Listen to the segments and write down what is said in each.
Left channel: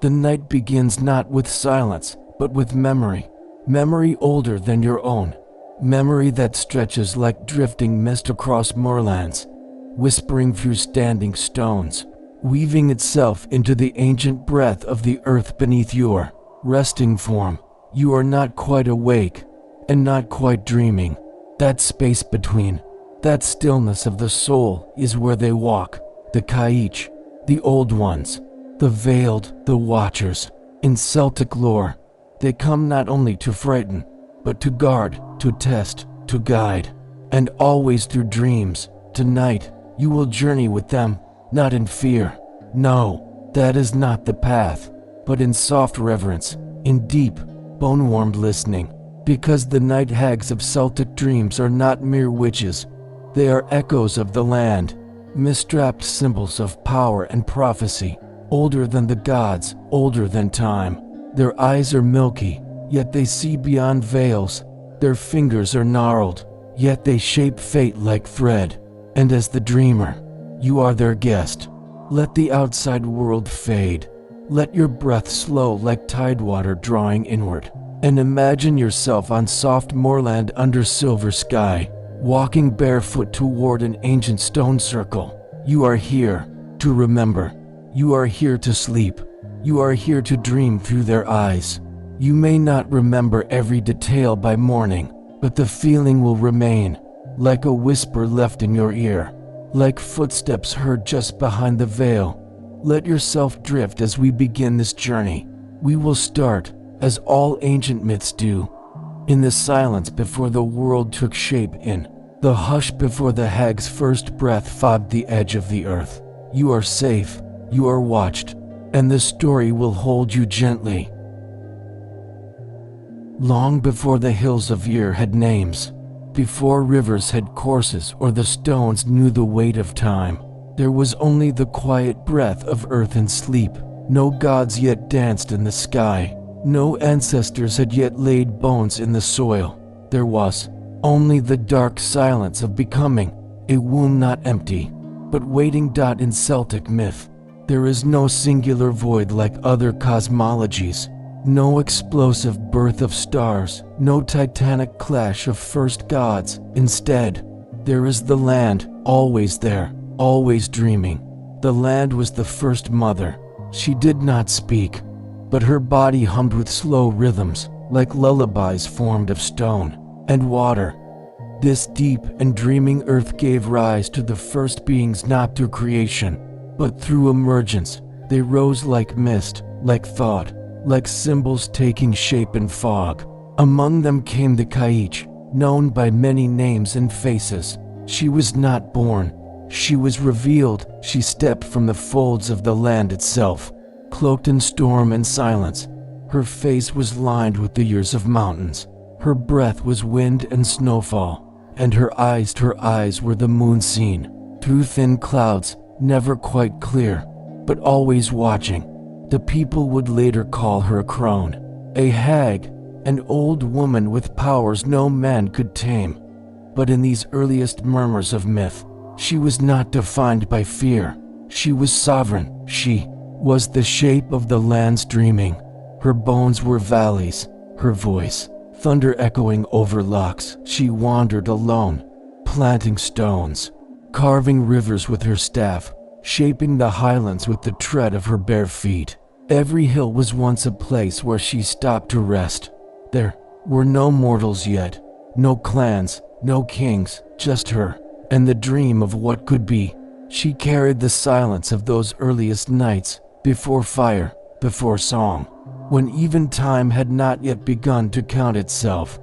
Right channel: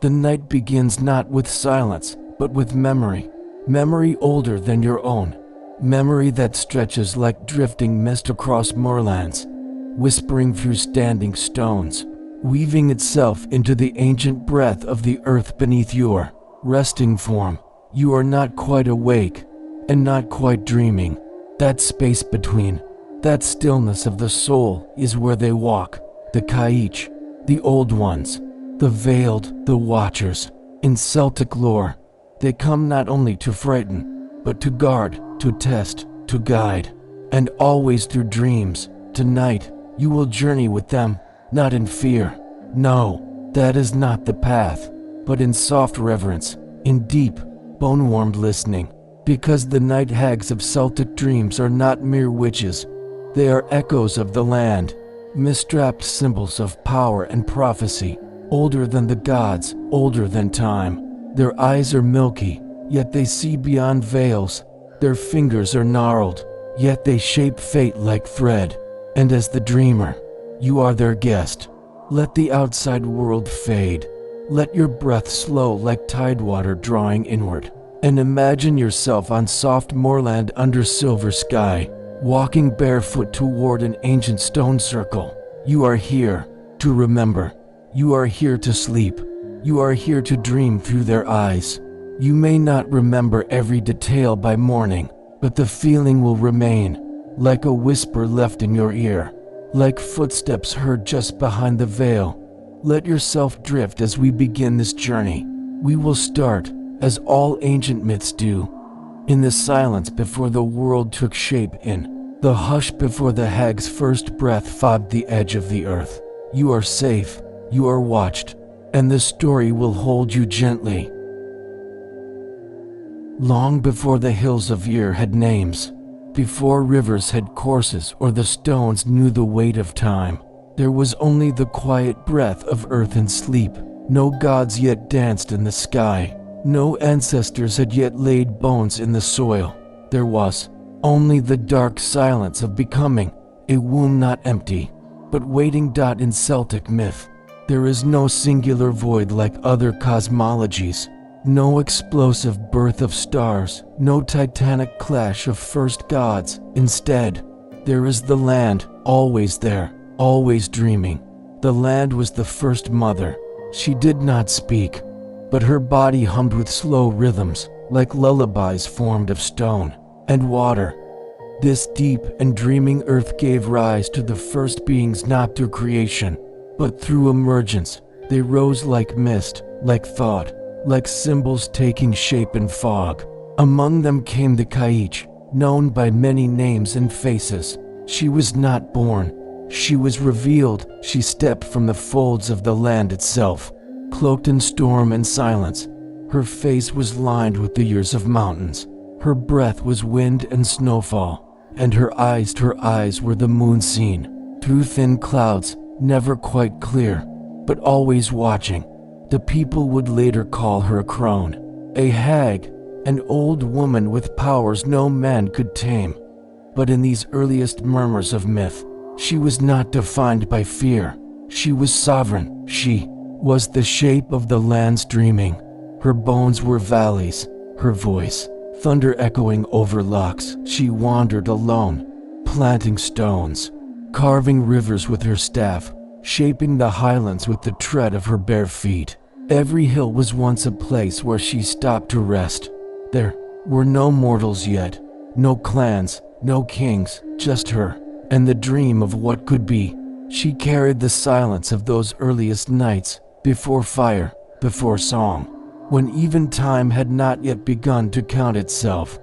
The night begins not with silence, but with memory. Memory older than your own. Memory that stretches like drifting mist across moorlands, whispering through standing stones, weaving itself into the ancient breath of the earth beneath your resting form. You are not quite awake, and not quite dreaming. That space between, that stillness of the soul is where they walk, the Kaich, the old ones, the veiled, the watchers. In Celtic lore, they come not only to frighten, but to guard, to test, to guide. And always through dreams, tonight, you will journey with them, not in fear. No, that is not the path, but in soft reverence, in deep, bone-warmed listening. Because the Night Hags of Celtic dreams are not mere witches. They are echoes of the land, mist-wrapped symbols of power and prophecy, older than the gods, older than time. Their eyes are milky, yet they see beyond veils. Their fingers are gnarled, yet they shape fate like thread. And as the dreamer, you are their guest. Let the outside world fade. Let your breath slow like tidewater drawing inward. And imagine yourself on soft moorland under silver sky, walking barefoot toward an ancient stone circle. You are here to remember. You are here to sleep. You are here to dream through their eyes. You may not remember every detail by morning, but the feeling will remain, like a whisper left in your ear, like footsteps heard just behind the veil. Let yourself drift as we begin this journey. We will start, as all ancient myths do, in the silence before the world took shape, in the hush before the hag's first breath fogged the edge of the earth. You are safe, you are watched, and the story will hold you gently. Long before the hills of Yer had names, before rivers had courses or the stones knew the weight of time, there was only the quiet breath of earth and sleep. No gods yet danced in the sky. No ancestors had yet laid bones in the soil. There was only the dark silence of becoming, a womb not empty, but waiting. In Celtic myth, there is no singular void like other cosmologies, no explosive birth of stars, no titanic clash of first gods. Instead, there is the land, always there, always dreaming. The land was the first mother. She did not speak, but her body hummed with slow rhythms, like lullabies formed of stone and water. This deep and dreaming earth gave rise to the first beings, not through creation, but through emergence. They rose like mist, like thought, like symbols taking shape in fog. Among them came the Kaich, known by many names and faces. She was not born, she was revealed. She stepped from the folds of the land itself, cloaked in storm and silence. Her face was lined with the years of mountains. Her breath was wind and snowfall, and her eyes were the moon seen through thin clouds, never quite clear, but always watching. The people would later call her a crone, a hag, an old woman with powers no man could tame. But in these earliest murmurs of myth, she was not defined by fear. She was sovereign. She was the shape of the land's dreaming. Her bones were valleys, her voice thunder echoing over locks. She wandered alone, planting stones, carving rivers with her staff, shaping the highlands with the tread of her bare feet. Every hill was once a place where she stopped to rest. There were no mortals yet, no clans, no kings, just her, and the dream of what could be. She carried the silence of those earliest nights, before fire, before song, when even time had not yet begun to count itself.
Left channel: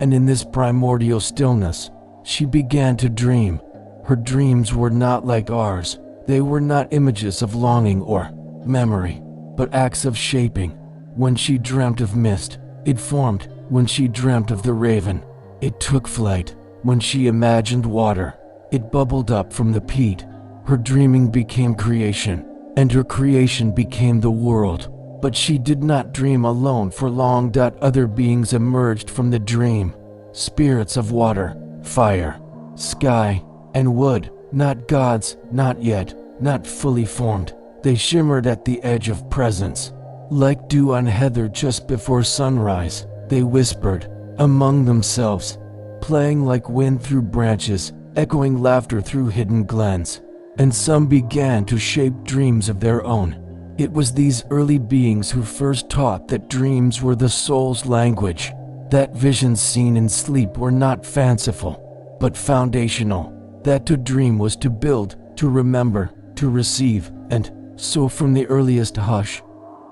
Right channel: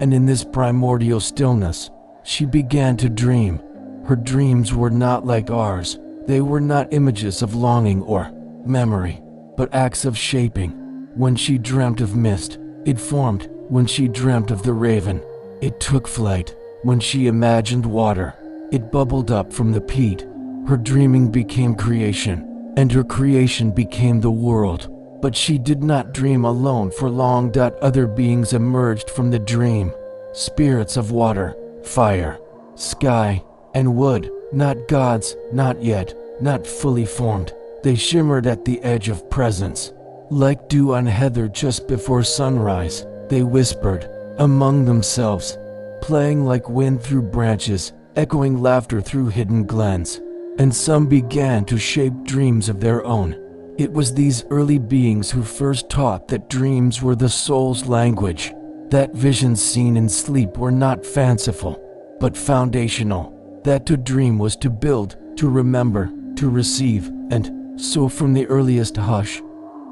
And in this primordial stillness, she began to dream. Her dreams were not like ours. They were not images of longing or memory, but acts of shaping. When she dreamt of mist, it formed. When she dreamt of the raven, it took flight. When she imagined water, it bubbled up from the peat. Her dreaming became creation, and her creation became the world. But she did not dream alone for long. Other beings emerged from the dream, spirits of water, fire, sky, and wood. Not gods, not yet, not fully formed. They shimmered at the edge of presence, Like dew on heather just before sunrise, they whispered among themselves, playing like wind through branches, echoing laughter through hidden glens. And some began to shape dreams of their own. It was these early beings who first taught that dreams were the soul's language, that visions seen in sleep were not fanciful, but foundational, that to dream was to build, to remember, to receive, and so from the earliest hush,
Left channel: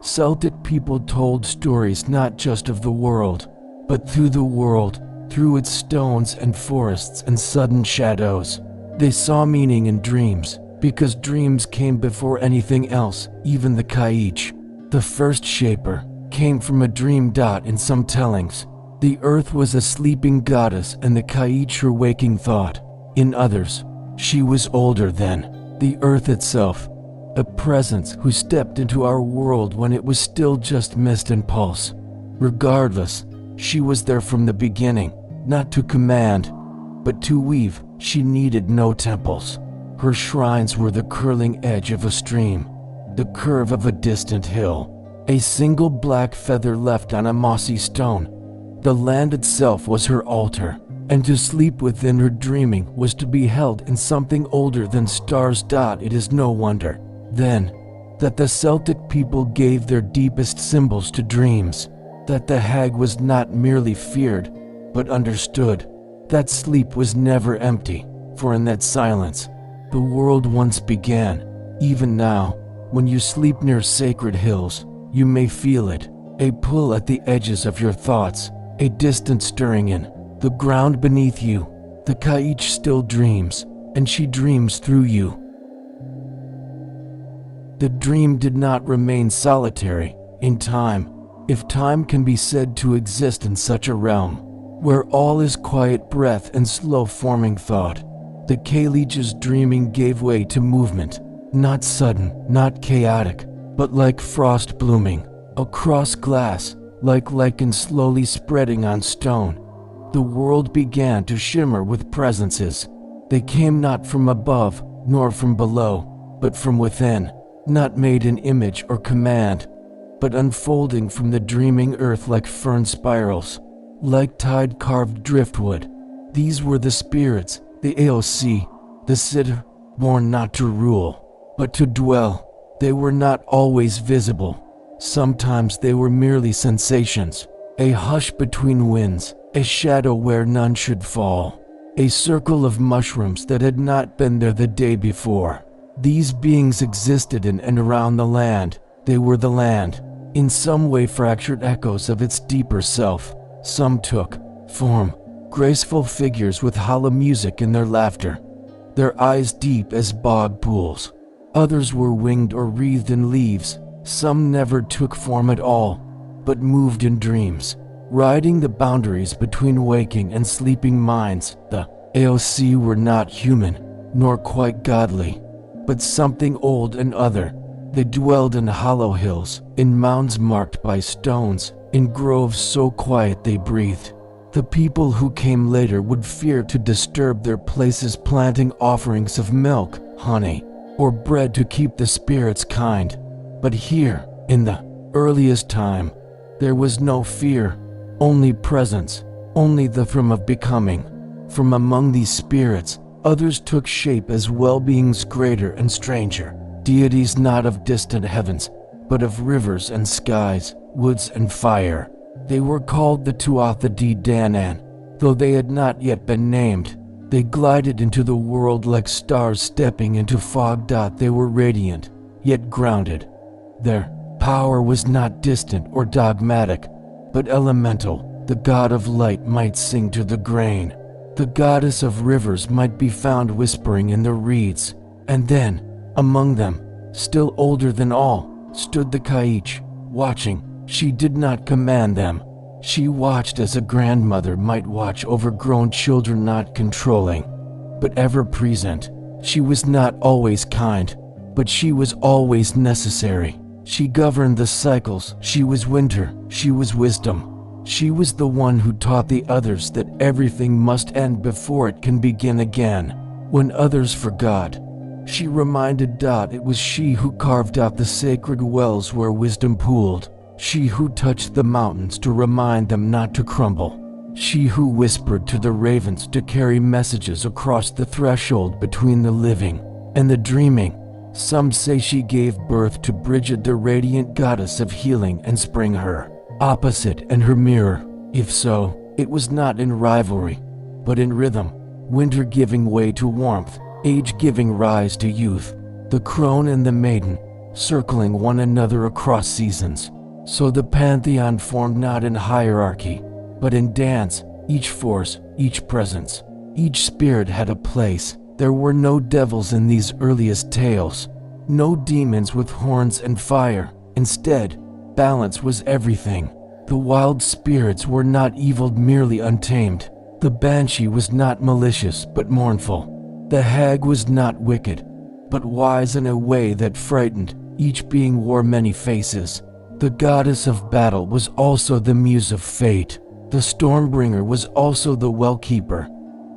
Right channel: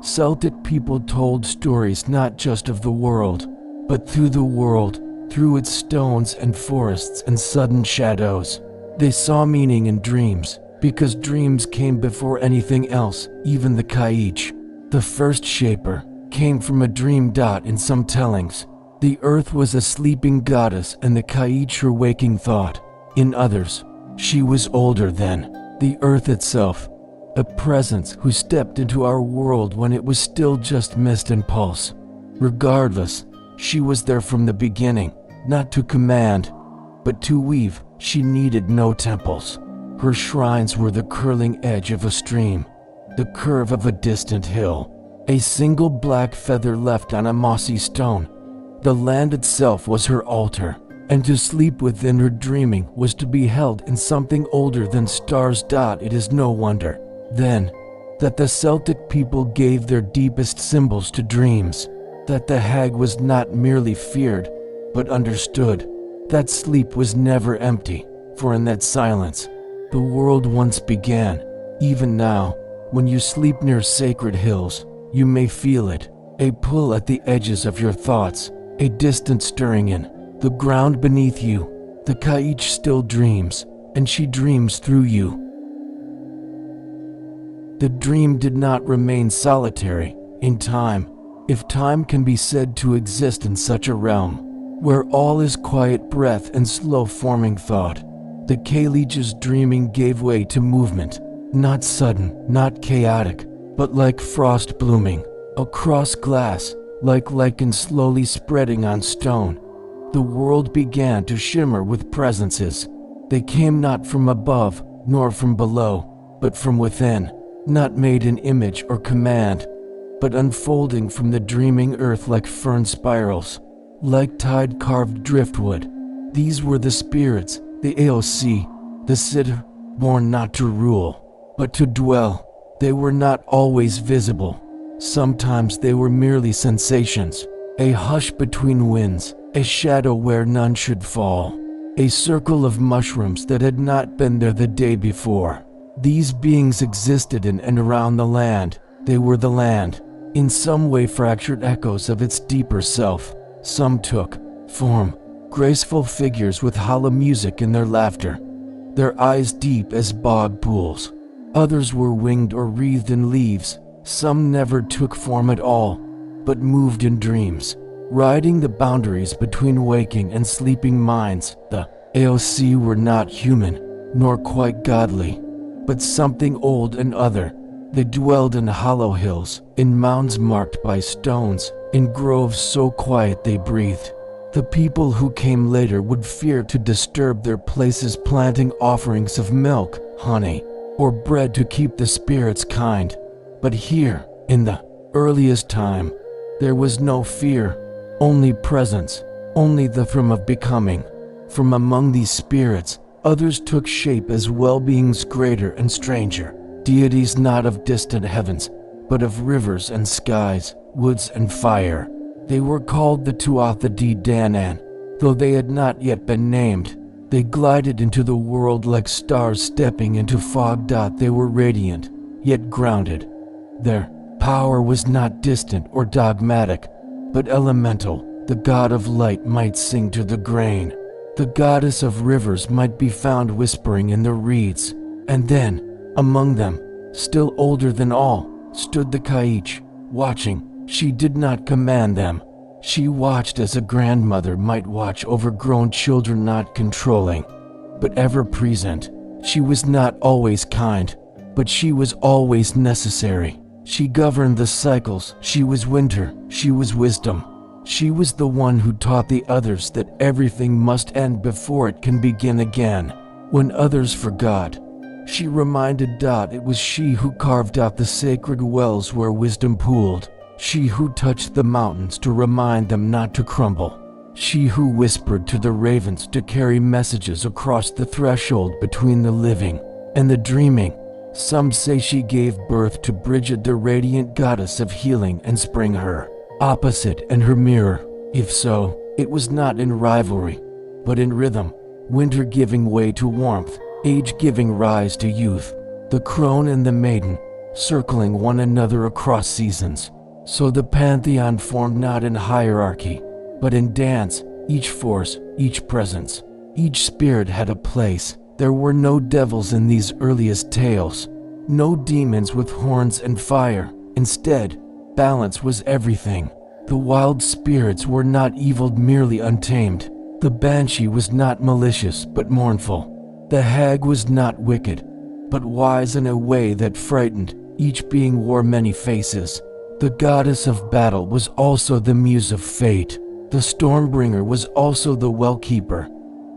Celtic people told stories not just of the world, but through the world, through its stones and forests and sudden shadows. They saw meaning in dreams, because dreams came before anything else, even the Kaich. The first shaper came from a dream. In some tellings, the earth was a sleeping goddess and the Kaich her waking thought. In others, she was older than the earth itself, a presence who stepped into our world when it was still just mist and pulse. Regardless, she was there from the beginning, not to command, but to weave. She needed no temples. Her shrines were the curling edge of a stream, the curve of a distant hill, a single black feather left on a mossy stone. The land itself was her altar, and to sleep within her dreaming was to be held in something older than stars. It is no wonder, then, that the Celtic people gave their deepest symbols to dreams, that the hag was not merely feared, but understood, that sleep was never empty, for in that silence, the world once began. Even now, when you sleep near sacred hills, you may feel it, a pull at the edges of your thoughts, a distant stirring in the ground beneath you. The Kaich still dreams, and she dreams through you. The dream did not remain solitary. In time, if time can be said to exist in such a realm, where all is quiet breath and slow forming thought, the Kalich's dreaming gave way to movement, not sudden, not chaotic, but like frost blooming across glass, like lichen slowly spreading on stone. The world began to shimmer with presences. They came not from above, nor from below, but from within, not made in image or command, but unfolding from the dreaming earth like fern spirals, like tide-carved driftwood. These were the spirits, the awoken, the sitter, born not to rule, but to dwell. They were not always visible. Sometimes they were merely sensations, a hush between winds, a shadow where none should fall, a circle of mushrooms that had not been there the day before. These beings existed in and around the land. They were the land, in some way fractured echoes of its deeper self. Some took form, graceful figures with hollow music in their laughter, their eyes deep as bog pools. Others were winged or wreathed in leaves. Some never took form at all, but moved in dreams, riding the boundaries between waking and sleeping minds. The awoken were not human, nor quite godly, but something old and other. They dwelled in hollow hills, in mounds marked by stones, in groves so quiet they breathed. The people who came later would fear to disturb their places, planting offerings of milk, honey, or bread to keep the spirits kind. But here, in the earliest time, there was no fear, only presence, only the from of becoming. From among these spirits, others took shape as well-beings greater and stranger, deities not of distant heavens, but of rivers and skies, woods and fire. They were called the Tuatha De Danann, though they had not yet been named. They glided into the world like stars stepping into fog. They were radiant, yet grounded. Their power was not distant or dogmatic, but elemental. The god of light might sing to the grain. The goddess of rivers might be found whispering in the reeds. And then, among them, still older than all, stood the Kaich, watching. She did not command them. She watched as a grandmother might watch overgrown children, not controlling, but ever present. She was not always kind, but she was always necessary. She governed the cycles. She was winter. She was wisdom. She was the one who taught the others that everything must end before it can begin again. When others forgot, She reminded Dot it was she who carved out the sacred wells where wisdom pooled. She who touched the mountains to remind them not to crumble. She who whispered to the ravens to carry messages across the threshold between the living and the dreaming. Some say she gave birth to Bridget, the radiant goddess of healing, and spring, her opposite and her mirror. If so, it was not in rivalry, but in rhythm. Winter giving way to warmth, age giving rise to youth. The crone and the maiden, circling one another across seasons. So the pantheon formed not in hierarchy, but in dance. Each force, each presence, each spirit had a place. There were no devils in these earliest tales, no demons with horns and fire. Instead, balance was everything. The wild spirits were not evil, merely untamed. The banshee was not malicious, but mournful. The hag was not wicked, but wise in a way that frightened. Each being wore many faces. The goddess of battle was also the muse of fate. The Stormbringer was also the Wellkeeper.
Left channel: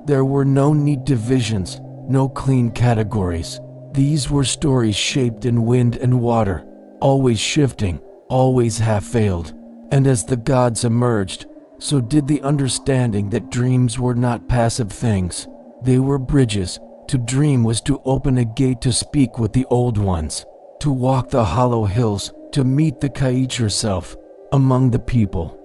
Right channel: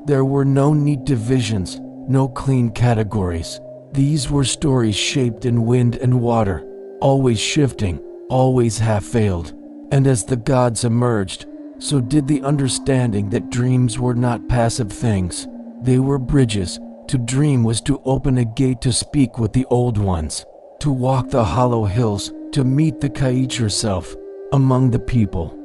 There were no neat divisions, no clean categories. These were stories shaped in wind and water, always shifting, always half-veiled. And as the gods emerged, so did the understanding that dreams were not passive things. They were bridges. To dream was to open a gate to speak with the old ones, to walk the hollow hills, to meet the Kaich herself among the people.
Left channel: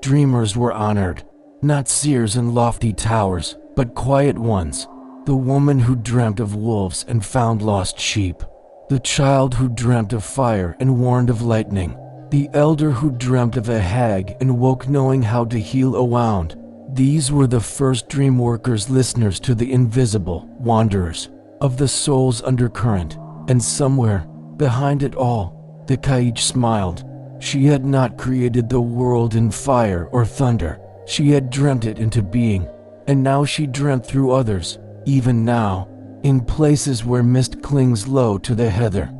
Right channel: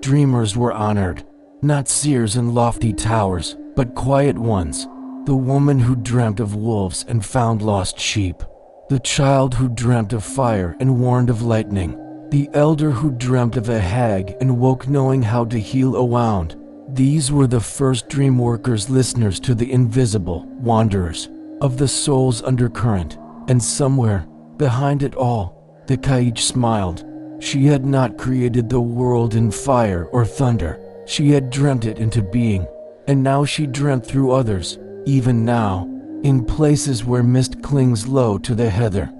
Dreamers were honored, not seers in lofty towers, but quiet ones. The woman who dreamt of wolves and found lost sheep. The child who dreamt of fire and warned of lightning. The elder who dreamt of a hag and woke knowing how to heal a wound. These were the first dream workers, listeners to the invisible, wanderers of the soul's undercurrent. And somewhere, behind it all, the Kaich smiled. She had not created the world in fire or thunder. She had dreamt it into being. And now she dreamt through others, even now, in places where mist clings low to the heather.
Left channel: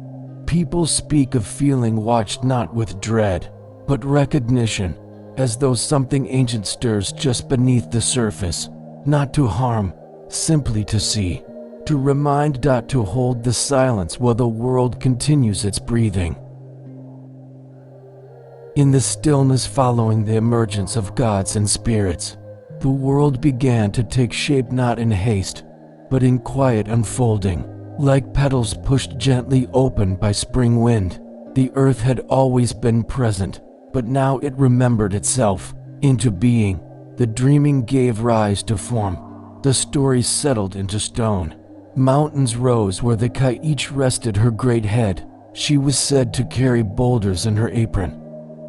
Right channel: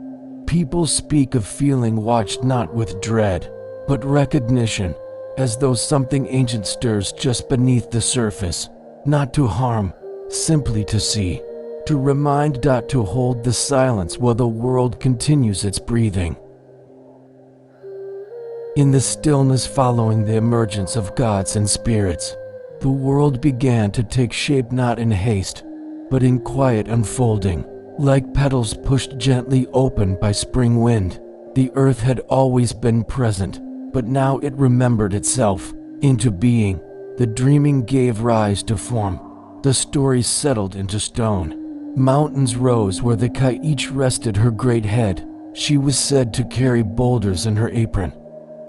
People speak of feeling watched not with dread, but recognition, as though something ancient stirs just beneath the surface. Not to harm, simply to see. To remind, to hold the silence while the world continues its breathing. In the stillness following the emergence of gods and spirits, the world began to take shape, not in haste, but in quiet unfolding. Like petals pushed gently open by spring wind, the earth had always been present, but now it remembered itself into being. The dreaming gave rise to form. The stories settled into stone. Mountains rose where the Kaich rested her great head. She was said to carry boulders in her apron,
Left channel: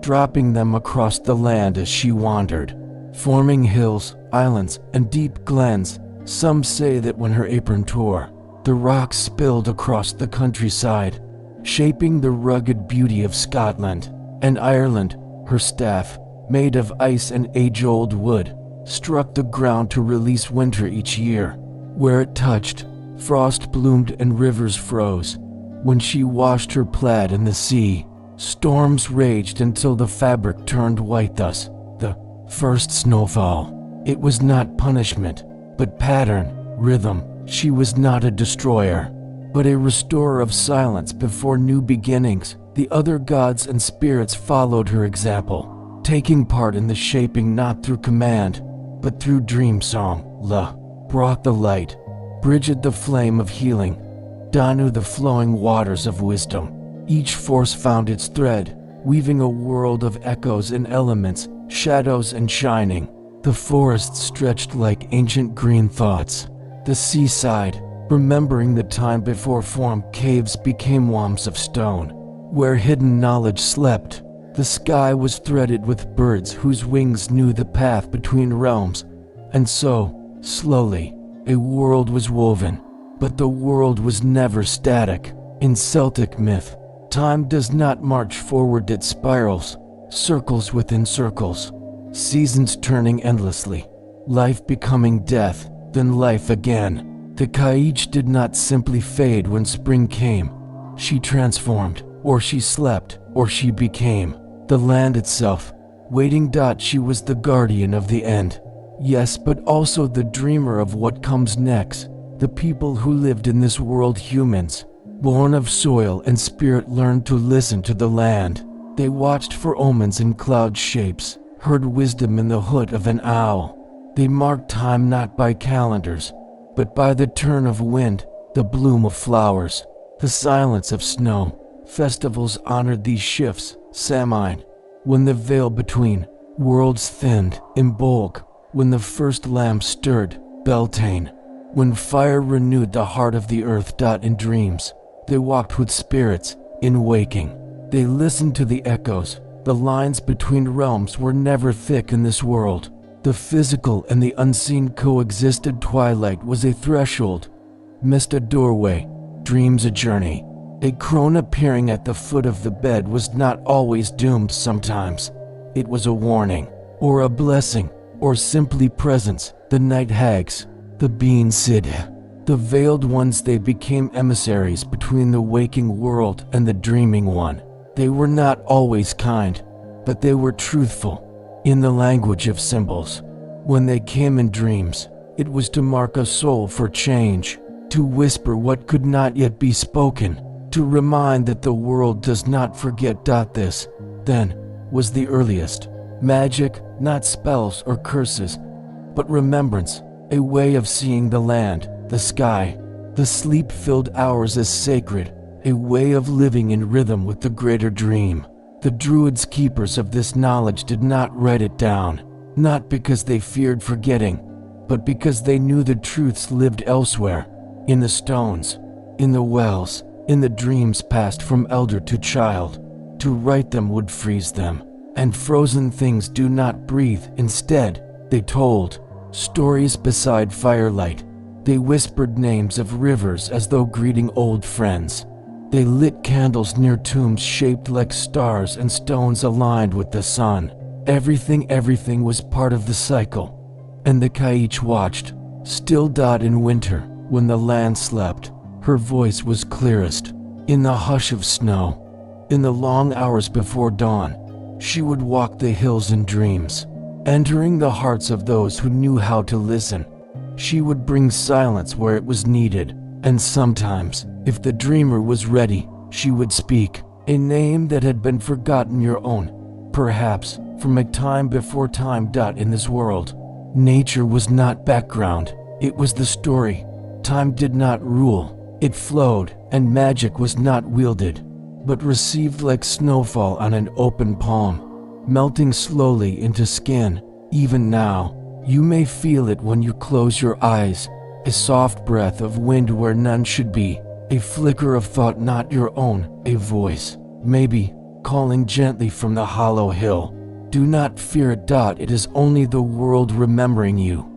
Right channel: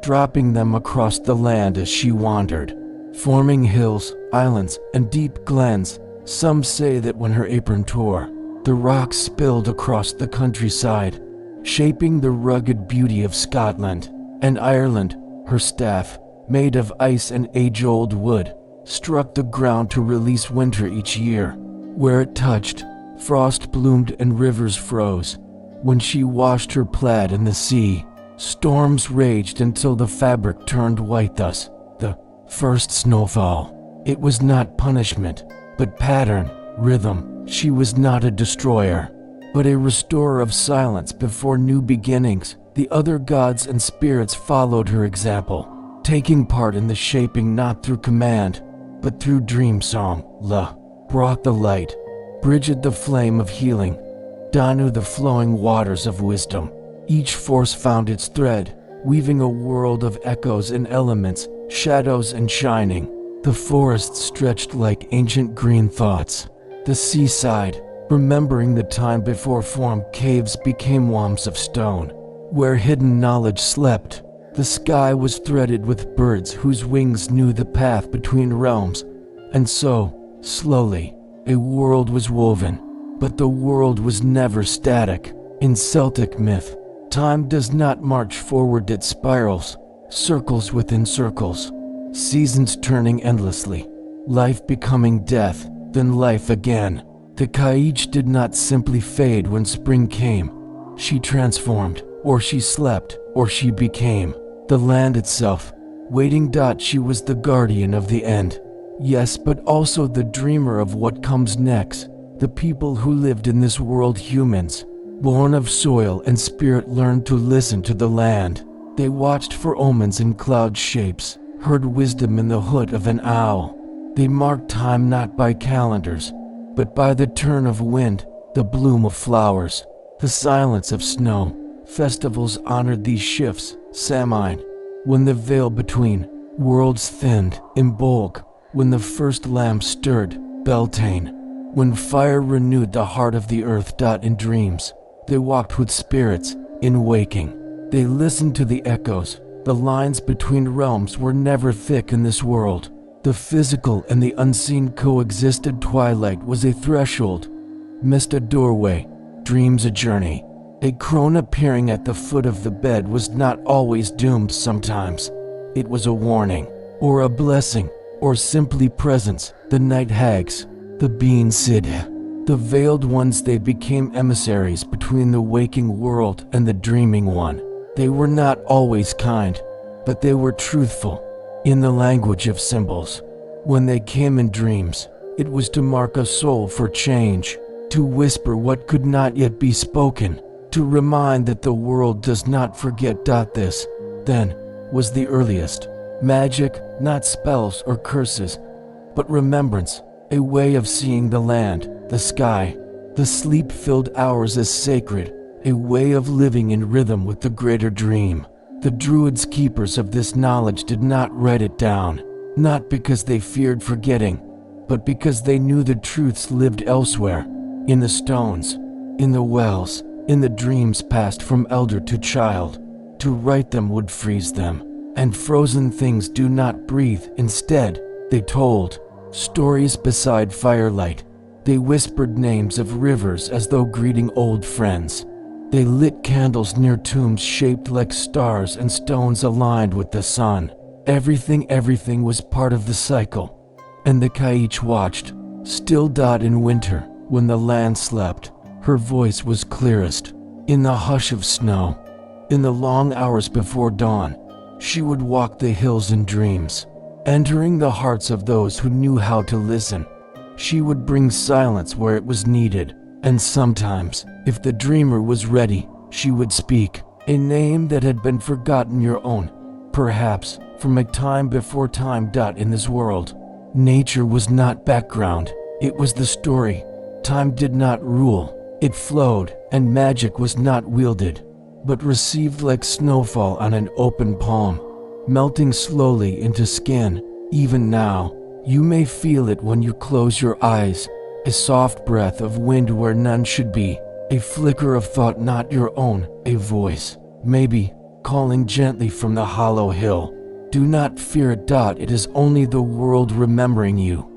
dropping them across the land as she wandered, forming hills, islands, and deep glens. Some say that when her apron tore, the rocks spilled across the countryside, shaping the rugged beauty of Scotland and Ireland. Her staff, made of ice and age-old wood, struck the ground to release winter each year. Where it touched, frost bloomed and rivers froze. When she washed her plaid in the sea, storms raged until the fabric turned white. Thus, the first snowfall. It was not punishment, but pattern, rhythm. She was not a destroyer, but a restorer of silence before new beginnings. The other gods and spirits followed her example, taking part in the shaping not through command, but through dream song. La brought the light, Bridget the flame of healing, Danu the flowing waters of wisdom. Each force found its thread, weaving a world of echoes and elements, shadows and shining. The forest stretched like ancient green thoughts. The seaside, remembering the time before form. Caves became womps of stone, where hidden knowledge slept. The sky was threaded with birds whose wings knew the path between realms. And so, slowly, a world was woven. But the world was never static. In Celtic myth, time does not march forward, it spirals, circles within circles, seasons turning endlessly, life becoming death, then life again. The Kaich did not simply fade when spring came. She transformed, or she slept, or she became the land itself, waiting. She was the guardian of the end, yes, but also the dreamer of what comes next. The people who lived in this world, humans, born of soil and spirit, learned to listen to the land. They watched for omens in cloud shapes, heard wisdom in the hoot of an owl. They marked time not by calendars, but by the turn of wind, the bloom of flowers, the silence of snow. Festivals honored these shifts. Samhain, when the veil between worlds thinned. Imbolc, when the first lamp stirred. Beltane, when fire renewed the heart of the earth. In dreams, they walked with spirits. In waking, they listened to the echoes. The lines between realms were never thick in this world. The physical and the unseen coexisted. Twilight was a threshold, mist a doorway, dreams a journey. A crone appearing at the foot of the bed was not always doomed. Sometimes it was a warning, or a blessing, or simply presence. The Night Hags, the Bean Sid, the Veiled Ones, they became emissaries between the waking world and the dreaming one. They were not always kind, but they were truthful. In the language of symbols, when they came in dreams, it was to mark a soul for change, to whisper what could not yet be spoken, to remind that the world does not forget. This, then, was the earliest magic, not spells or curses, but remembrance, a way of seeing the land, the sky, the sleep-filled hours as sacred, a way of living in rhythm with the greater dream. The druids, keepers of this knowledge, did not write it down, not because they feared forgetting, but because they knew the truths lived elsewhere, in the stones, in the wells, in the dreams passed from elder to child. To write them would freeze them, and frozen things do not breathe. Instead, they told stories beside firelight. They whispered names of rivers as though greeting old friends. They lit candles near tombs shaped like stars and stones aligned with the sun. Everything was part of the cycle. And the Kaich watched, still. In winter, when the land slept, her voice was clearest. In the hush of snow, in the long hours before dawn, she would walk the hills in dreams, entering the hearts of those who knew how to listen. She would bring silence where it was needed, and sometimes, if the dreamer was ready, she would speak a name that had been forgotten, your own, perhaps from a time before time. In this world, nature was not background, it was the story. Time did not rule, it flowed, and magic was not wielded, but received like snowfall on an open palm, melting slowly into skin. Even now, you may feel it when you close your eyes, a soft breath of wind where none should be, a flicker of thought not your own, a voice, maybe, calling gently from the hollow hill. Do not fear it. It is only the world remembering you.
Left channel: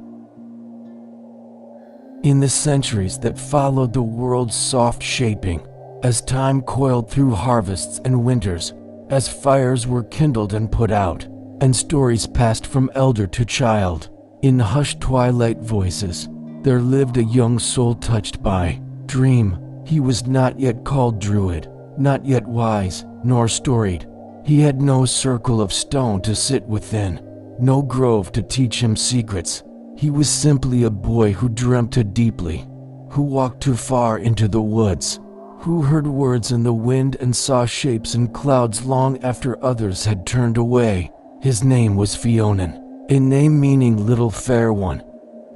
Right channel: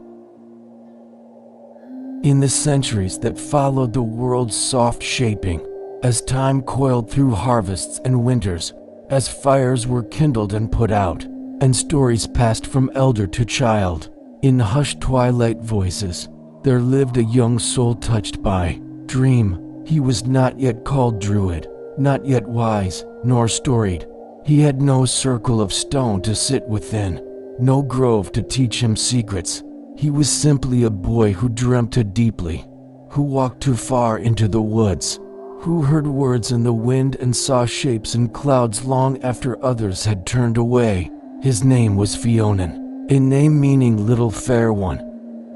In the centuries that followed the world's soft shaping, as time coiled through harvests and winters, as fires were kindled and put out, and stories passed from elder to child, in hushed twilight voices, there lived a young soul touched by dream. He was not yet called druid, not yet wise, nor storied. He had no circle of stone to sit within, no grove to teach him secrets. He was simply a boy who dreamt too deeply, who walked too far into the woods, who heard words in the wind and saw shapes in clouds long after others had turned away. His name was Fionan, a name meaning little fair one.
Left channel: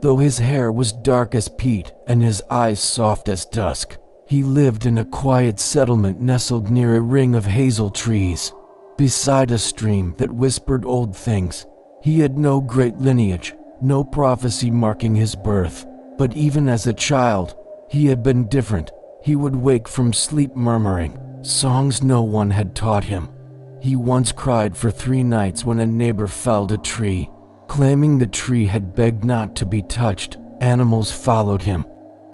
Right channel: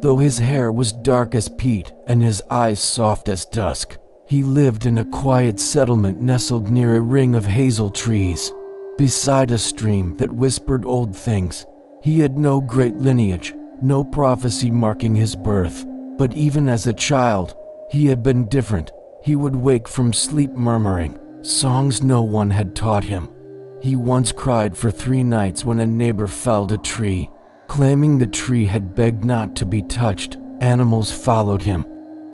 Though his hair was dark as peat and his eyes soft as dusk, he lived in a quiet settlement nestled near a ring of hazel trees, beside a stream that whispered old things. He had no great lineage, no prophecy marking his birth, but even as a child, he had been different. He would wake from sleep murmuring songs no one had taught him. He once cried for 3 nights when a neighbor felled a tree, claiming the tree had begged not to be touched. Animals followed him,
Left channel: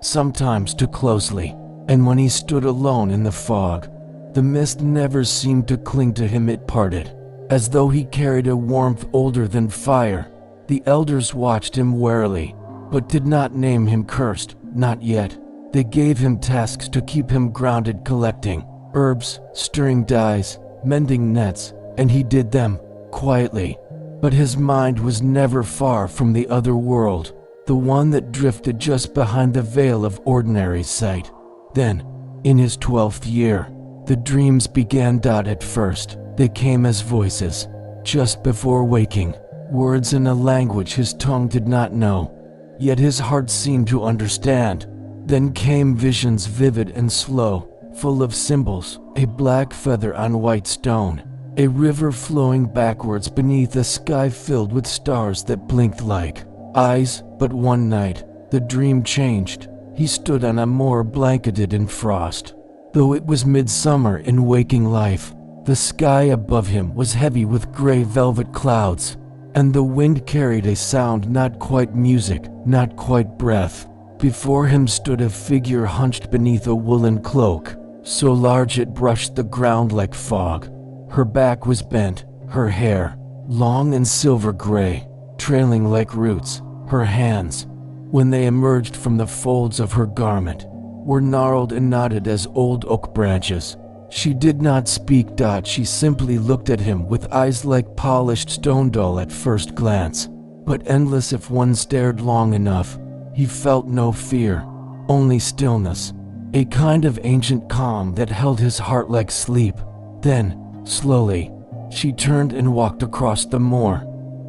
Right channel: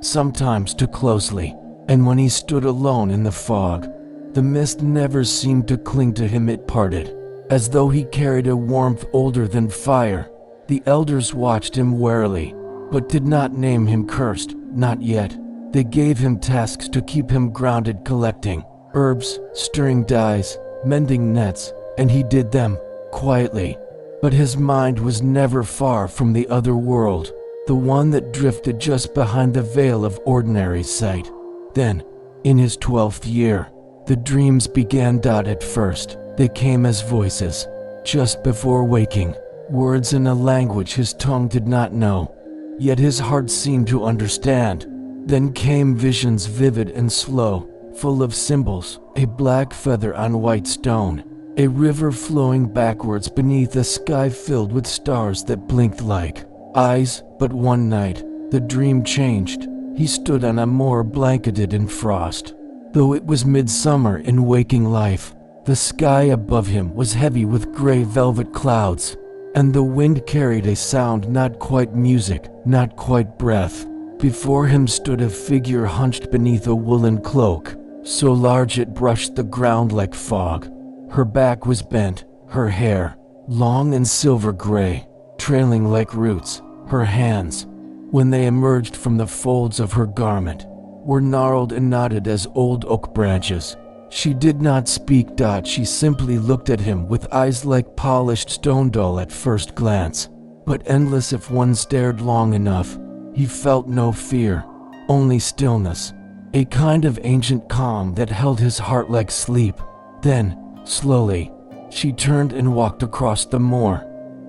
sometimes too closely, and when he stood alone in the fog, the mist never seemed to cling to him. It parted, as though he carried a warmth older than fire. The elders watched him warily, but did not name him cursed, not yet. They gave him tasks to keep him grounded, collecting herbs, stirring dyes, mending nets, and he did them quietly. But his mind was never far from the other world, the one that drifted just behind the veil of ordinary sight. Then, in his 12th year, the dreams began. At first, they came as voices, just before waking, words in a language his tongue did not know, yet his heart seemed to understand. Then came visions, vivid and slow, full of symbols, a black feather on white stone, a river flowing backwards beneath a sky filled with stars that blinked like eyes. But one night, the dream changed. He stood on a moor blanketed in frost. Though it was midsummer in waking life, the sky above him was heavy with gray velvet clouds, and the wind carried a sound not quite music, not quite breath. Before him stood a figure hunched beneath a woolen cloak, so large it brushed the ground like fog. Her back was bent, her hair, long and silver gray, trailing like roots. Her hands, when they emerged from the folds of her garment, were gnarled and knotted as old oak branches. She did not speak. She simply looked at him with eyes like polished stone, dull at first glance, but endless if one stared long enough. He felt no fear, only stillness, a kind of ancient calm that held his heart like sleep. Then, slowly, she turned and walked across the moor,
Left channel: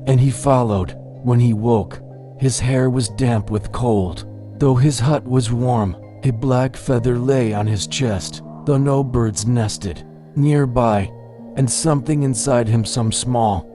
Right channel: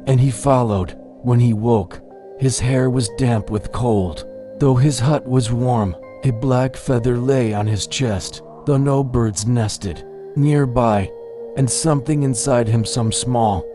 and he followed. When he woke, his hair was damp with cold. Though his hut was warm, a black feather lay on his chest, though no birds nested nearby, and something inside him, some small,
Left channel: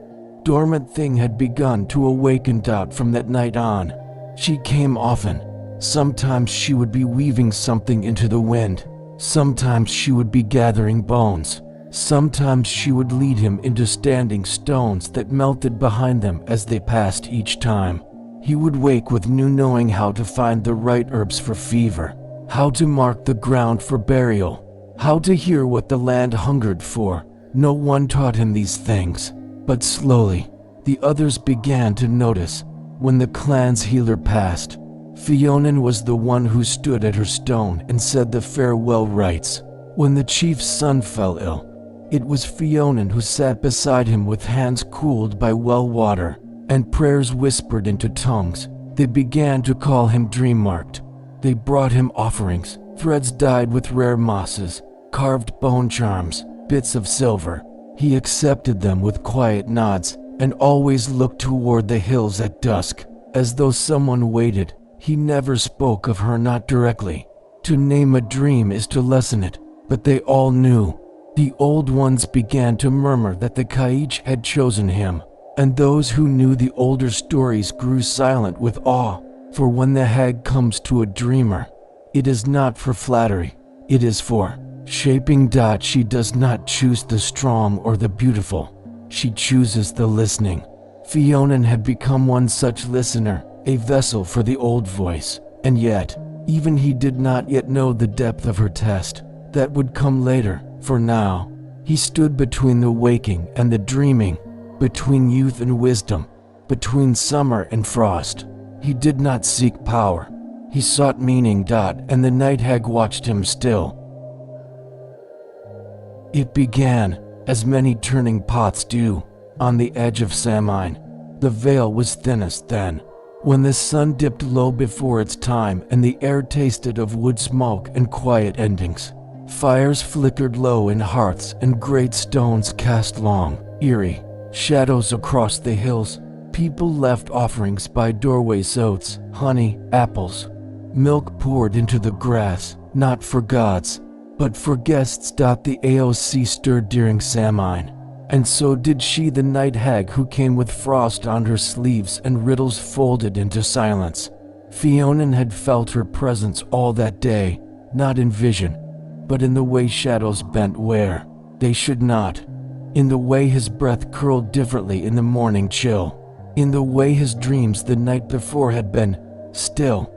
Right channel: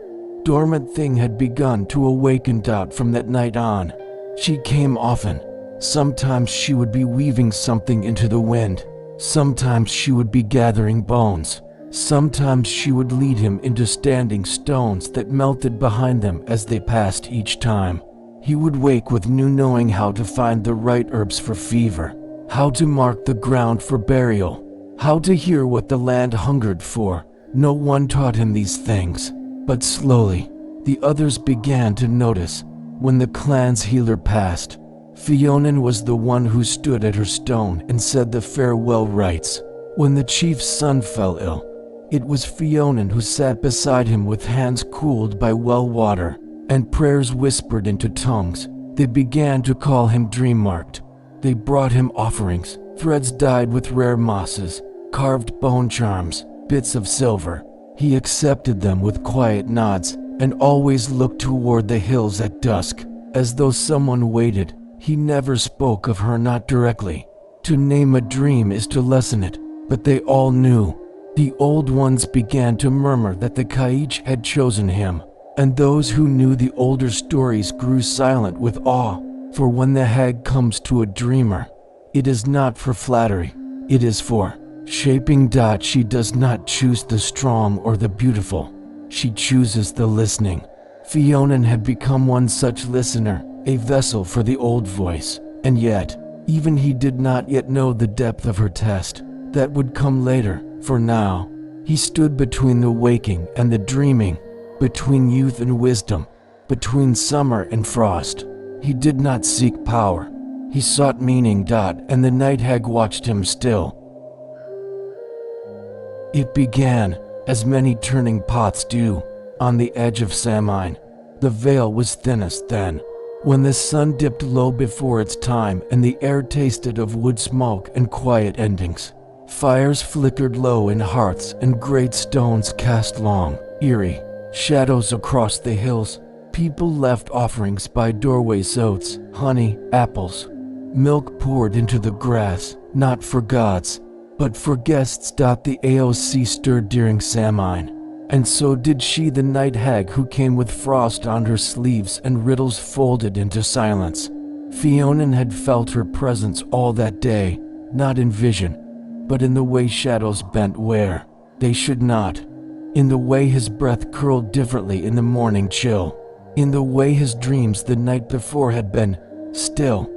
dormant thing, had begun to awaken. From that night on, she came often. Sometimes she would be weaving something into the wind. Sometimes she would be gathering bones. Sometimes she would lead him into standing stones that melted behind them as they passed. Each time, he would wake with new knowing, how to find the right herbs for fever, how to mark the ground for burial, how to hear what the land hungered for. No one taught him these things, but slowly, the others began to notice. When the clan's healer passed, Fionan was the one who stood at her stone and said the farewell rites. When the chief's son fell ill, it was Fionan who sat beside him with hands cooled by well water and prayers whispered into tongues. They began to call him dream-marked. They brought him offerings, threads dyed with rare mosses, carved bone charms, bits of silver. He accepted them with quiet nods and always looked toward the hills at dusk, as though someone waited. He never spoke of her, not directly. To name a dream is to lessen it, but they all knew. The old ones began to murmur that the Kaich had chosen him, and those who knew the older stories grew silent with awe. For when the hag comes to a dreamer, it is not for flattery, it is for shaping. She does not choose the strong or the beautiful, she chooses the listening. Fionan had become one such listener, a vessel for the old voice, and yet, even he did not yet know the depth of her test. That would come later. For now, he stood between the waking and the dreaming, between youth and wisdom, between summer and frost. He did not seek power, he sought meaning. And the Night Hag watched him still. It began, as many turning pots do, on the edge of Samhain. The veil was thinnest then, when the sun dipped low before its time and the air tasted of wood smoke and quiet endings. Fires flickered low in hearths and great stones cast long, eerie shadows across the hills. People left offerings by doorways, oats, honey, apples. Milk poured into the grass, not for gods, but for guests. The AOC stirred during Samhain, and so did she, the Night Hag, who came with frost on her sleeves and riddles folded into silence. Fionan had felt her presence all that day, not in vision, but in the way shadows bent where they should not, in the way his breath curled differently in the morning chill, in the way his dreams the night before had been still,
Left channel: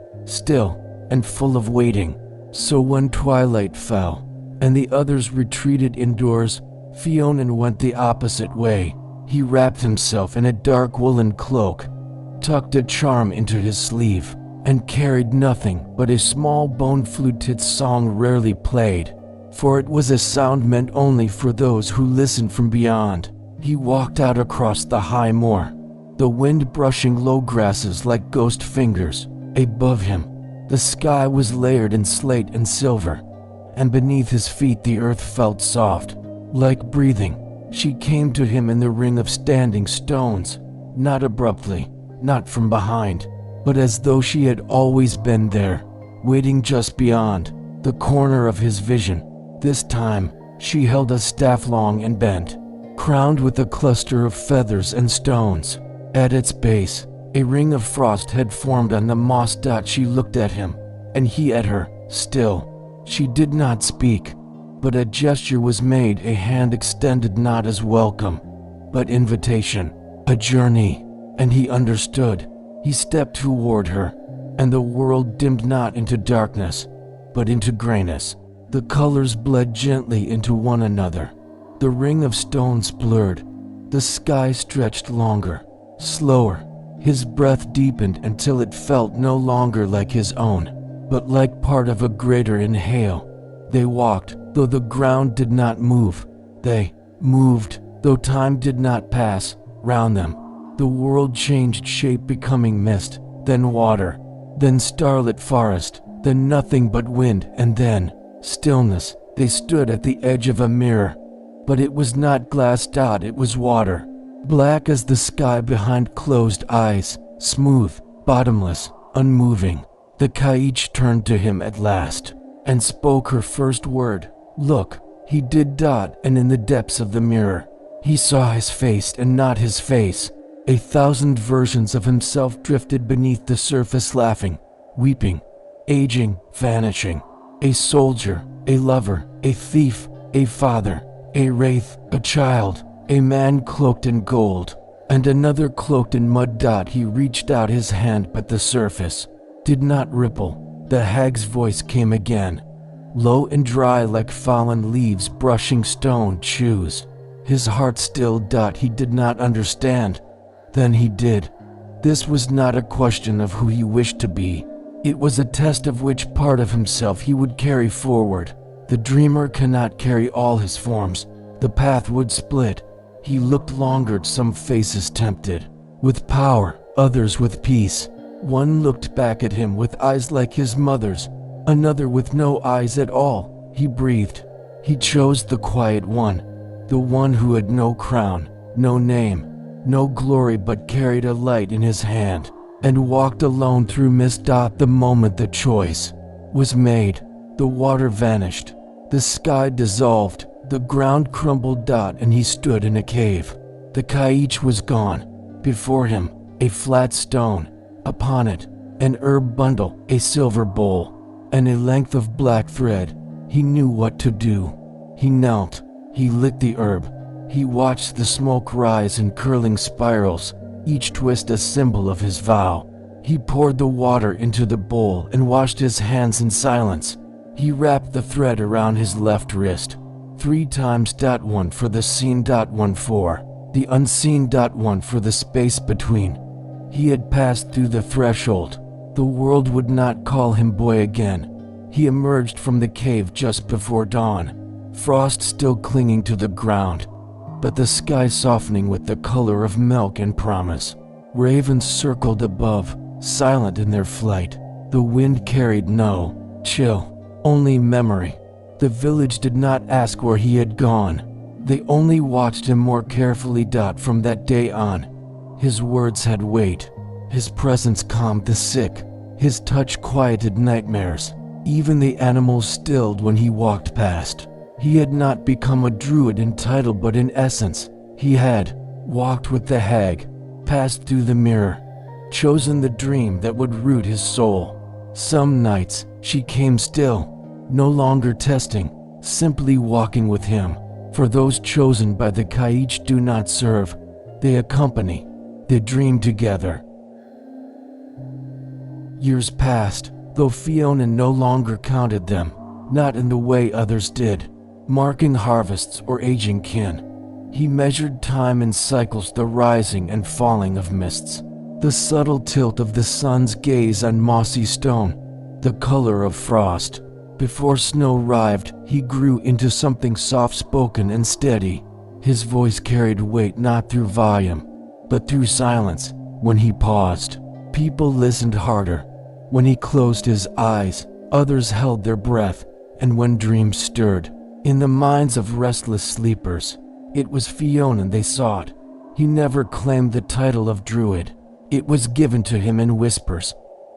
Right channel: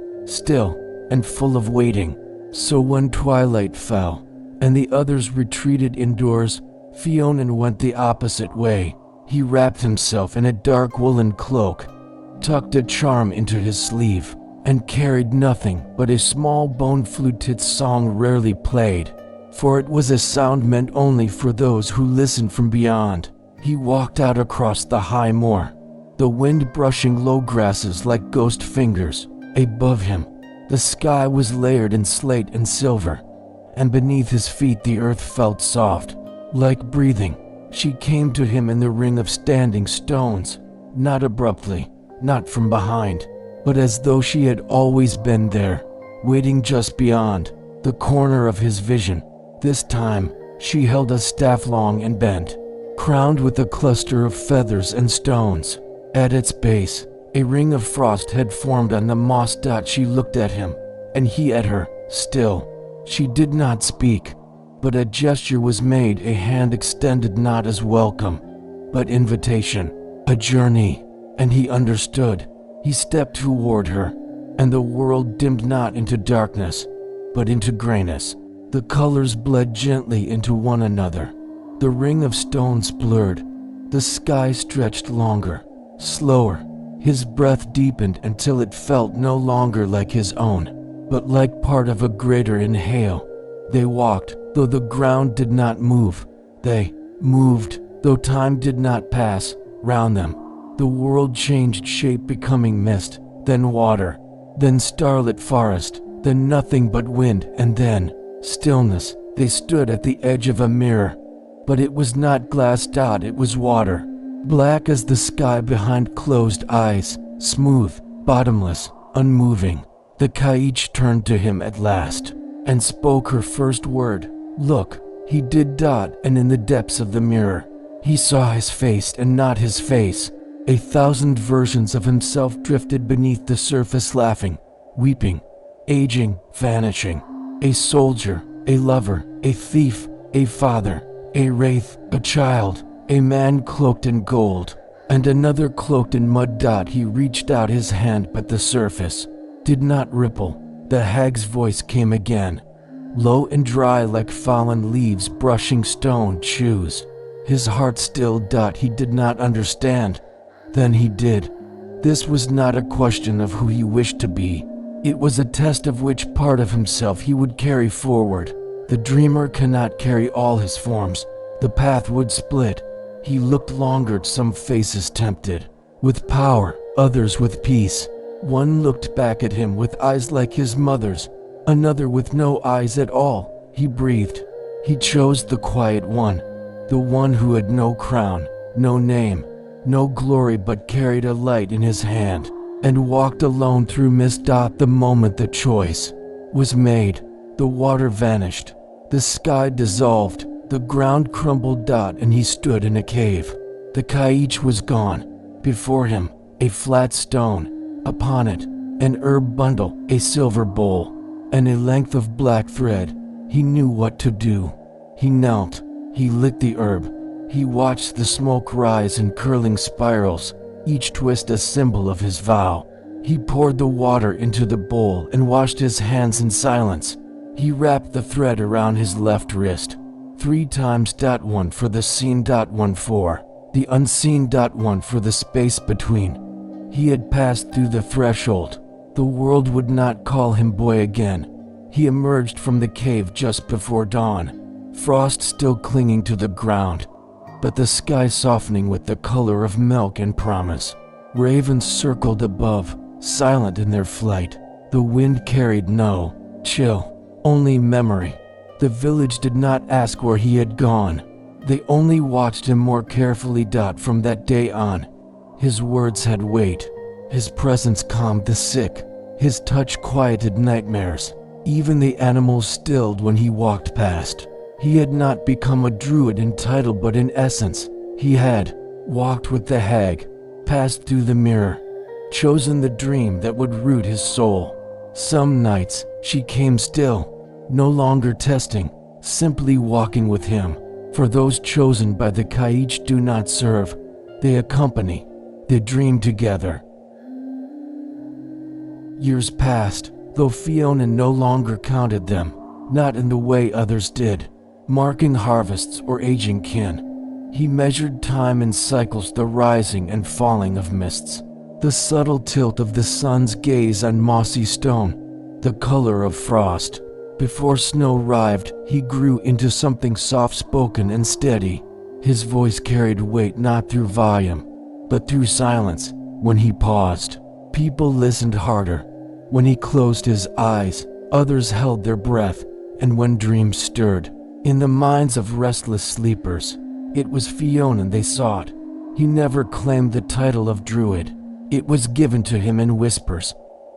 and full of waiting. So when twilight fell, and the others retreated indoors, Fionan went the opposite way. He wrapped himself in a dark woolen cloak, tucked a charm into his sleeve, and carried nothing but a small bone flute. Its song rarely played, for it was a sound meant only for those who listened from beyond. He walked out across the high moor, the wind brushing low grasses like ghost fingers. Above him, the sky was layered in slate and silver, and beneath his feet the earth felt soft, like breathing. She came to him in the ring of standing stones, not abruptly, not from behind, but as though she had always been there, waiting just beyond the corner of his vision. This time, she held a staff long and bent, crowned with a cluster of feathers and stones. At its base, a ring of frost had formed on the moss. She looked at him, and he at her, still. She did not speak, but a gesture was made, a hand extended, not as welcome, but invitation, a journey, and he understood. He stepped toward her, and the world dimmed not into darkness, but into grayness. The colors bled gently into one another. The ring of stones blurred. The sky stretched longer, slower. His breath deepened until it felt no longer like his own, but like part of a greater inhale. They walked, though the ground did not move. They moved, though time did not pass, round them. The world changed shape, becoming mist, then water, then starlit forest, then nothing but wind, and then stillness. They stood at the edge of a mirror, but it was not glass. It was water, black as the sky behind closed eyes, smooth, bottomless, unmoving. The Kaich turned to him at last, and spoke her first word. Look, he did. And in the depths of the mirror, he saw his face and not his face. 1,000 versions of himself drifted beneath the surface, laughing, weeping, aging, vanishing. A soldier, a lover, a thief, a father, a wraith, a child, a man cloaked in gold, and another cloaked in mud. He reached out his hand, but the surface did not ripple. The hag's voice came again, low and dry like fallen leaves brushing stone shoes. His heart stilled. He did not understand. Then he did. This was not a question of who he wished to be. It was a test of which part of himself he would carry forward. The dreamer cannot carry all his forms. The path would split. He looked longer. Some faces tempted with power, others with peace. One looked back at him with eyes like his mother's, another with no eyes at all. He breathed. He chose the quiet one, the one who had no crown, no name, no glory, but carried a light in his hand, and walked alone through mist. The moment the choice was made, the water vanished, the sky dissolved, the ground crumbled. And he stood in a cave. The Kaich was gone. Before him, a flat stone. Upon it, an herb bundle, a silver bowl, and a length of black thread. He knew what to do. He knelt. He lit the herb. He watched the smoke rise in curling spirals, each twist a symbol of his vow. He poured the water into the bowl and washed his hands in silence. He wrapped the thread around his left wrist 3 times. One for the seen. One for the unseen. One for the space between. He had passed through the threshold. The world would not call him boy again. He emerged from the cave just before dawn, frost still clinging to the ground, but the sky softening with the color of milk and promise. Ravens circled above, silent in their flight. The wind carried no chill, only memory. The village did not ask where he had gone. They only watched him more carefully. From that day on, his words had weight. His presence calmed the sick. His touch quieted nightmares. Even the animals stilled when he walked past. He had not become a druid in title, but in essence, he had walked with the hag, passed through the mirror, chosen the dream that would root his soul. Some nights, she came still, no longer testing, simply walking with him. For those chosen by the Kaich do not serve, they accompany. They dream together. Years passed, though Fiona no longer counted them, not in the way others did, marking harvests or aging kin. He measured time in cycles, the rising and falling of mists, the subtle tilt of the sun's gaze on mossy stone, the color of frost. Before snow arrived, he grew into something soft-spoken and steady. His voice carried weight not through volume, But through silence, when he paused, people listened harder. When he closed his eyes, others held their breath, and when dreams stirred, in the minds of restless sleepers, it was Fionan they sought. He never claimed the title of druid. It was given to him in whispers,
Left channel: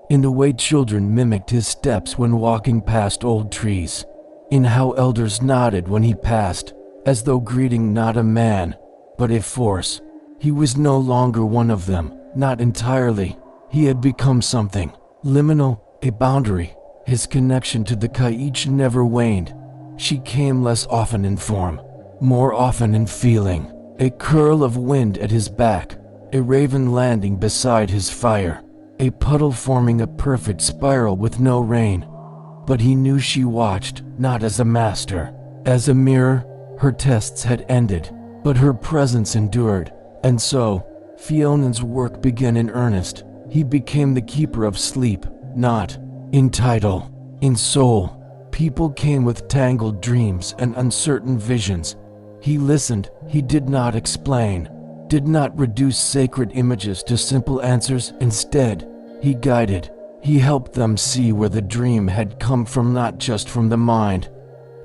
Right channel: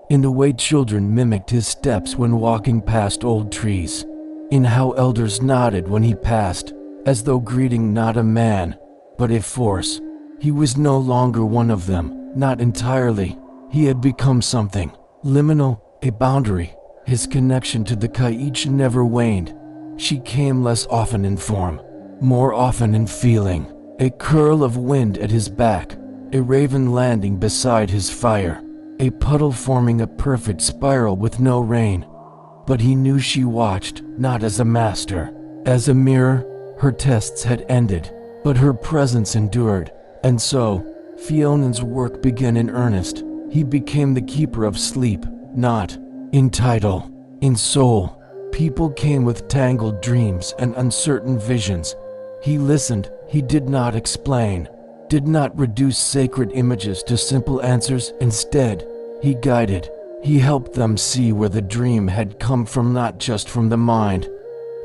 in the way children mimicked his steps when walking past old trees, in how elders nodded when he passed, as though greeting not a man, but a force. He was no longer one of them, not entirely. He had become something, liminal, a boundary. His connection to the Kaich never waned. She came less often in form, more often in feeling. A curl of wind at his back, a raven landing beside his fire, a puddle forming a perfect spiral with no rain. But he knew she watched, not as a master, as a mirror. Her tests had ended, but her presence endured. And so, Fionan's work began in earnest. He became the keeper of sleep, not in title, in soul. People came with tangled dreams and uncertain visions. He listened, he did not explain, did not reduce sacred images to simple answers. Instead, he guided. He helped them see where the dream had come from, not just from the mind,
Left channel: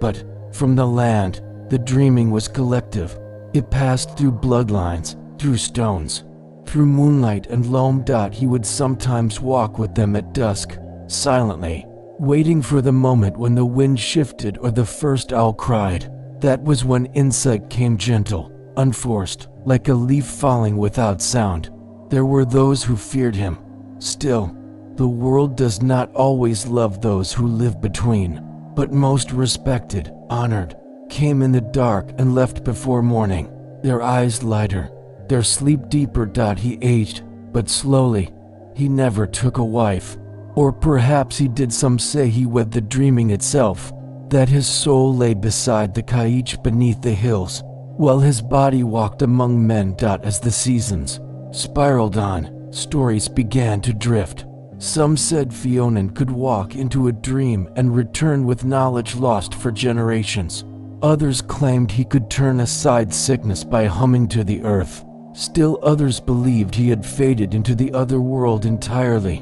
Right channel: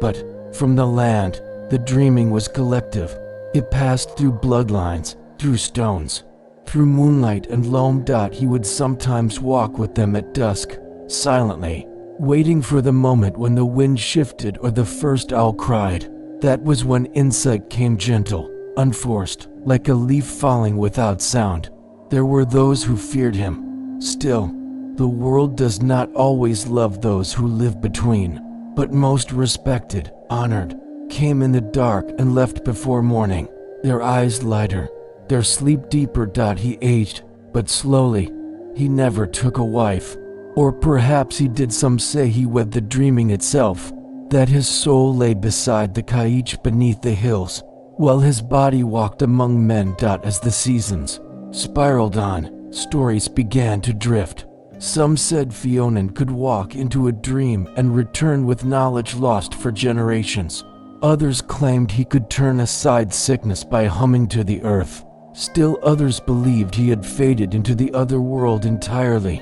but from the land. The dreaming was collective. It passed through bloodlines, through stones, through moonlight and loam. He would sometimes walk with them at dusk, silently, waiting for the moment when the wind shifted or the first owl cried. That was when insight came, gentle, unforced, like a leaf falling without sound. There were those who feared him. Still, the world does not always love those who live between, but most respected, honored, came in the dark and left before morning, their eyes lighter, their sleep deeper. He aged, but slowly. He never took a wife. Or perhaps he did. Some say he wed the dreaming itself, that his soul lay beside the Kaich beneath the hills, while his body walked among men. As the seasons spiraled on, stories began to drift. Some said Fionan could walk into a dream and return with knowledge lost for generations. Others claimed he could turn aside sickness by humming to the earth. Still others believed he had faded into the other world entirely,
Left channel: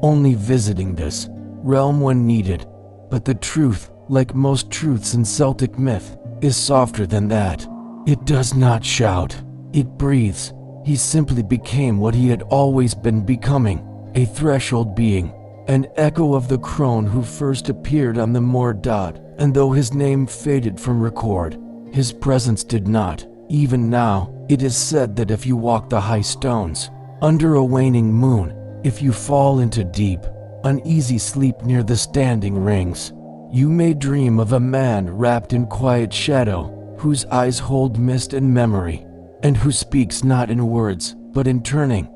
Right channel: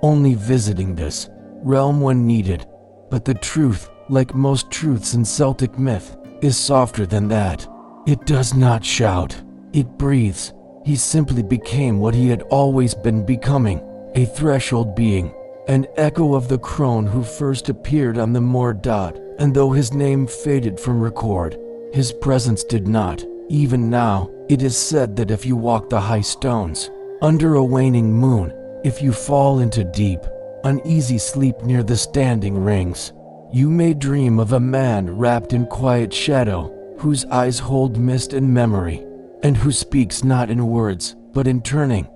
only visiting this realm when needed. But the truth, like most truths in Celtic myth, is softer than that. It does not shout, it breathes. He simply became what he had always been becoming, a threshold being, an echo of the crone who first appeared on the moor. And though his name faded from record, his presence did not. Even now, it is said that if you walk the high stones, under a waning moon, if you fall into deep, uneasy sleep near the standing rings, you may dream of a man wrapped in quiet shadow, whose eyes hold mist and memory, and who speaks not in words, but in turning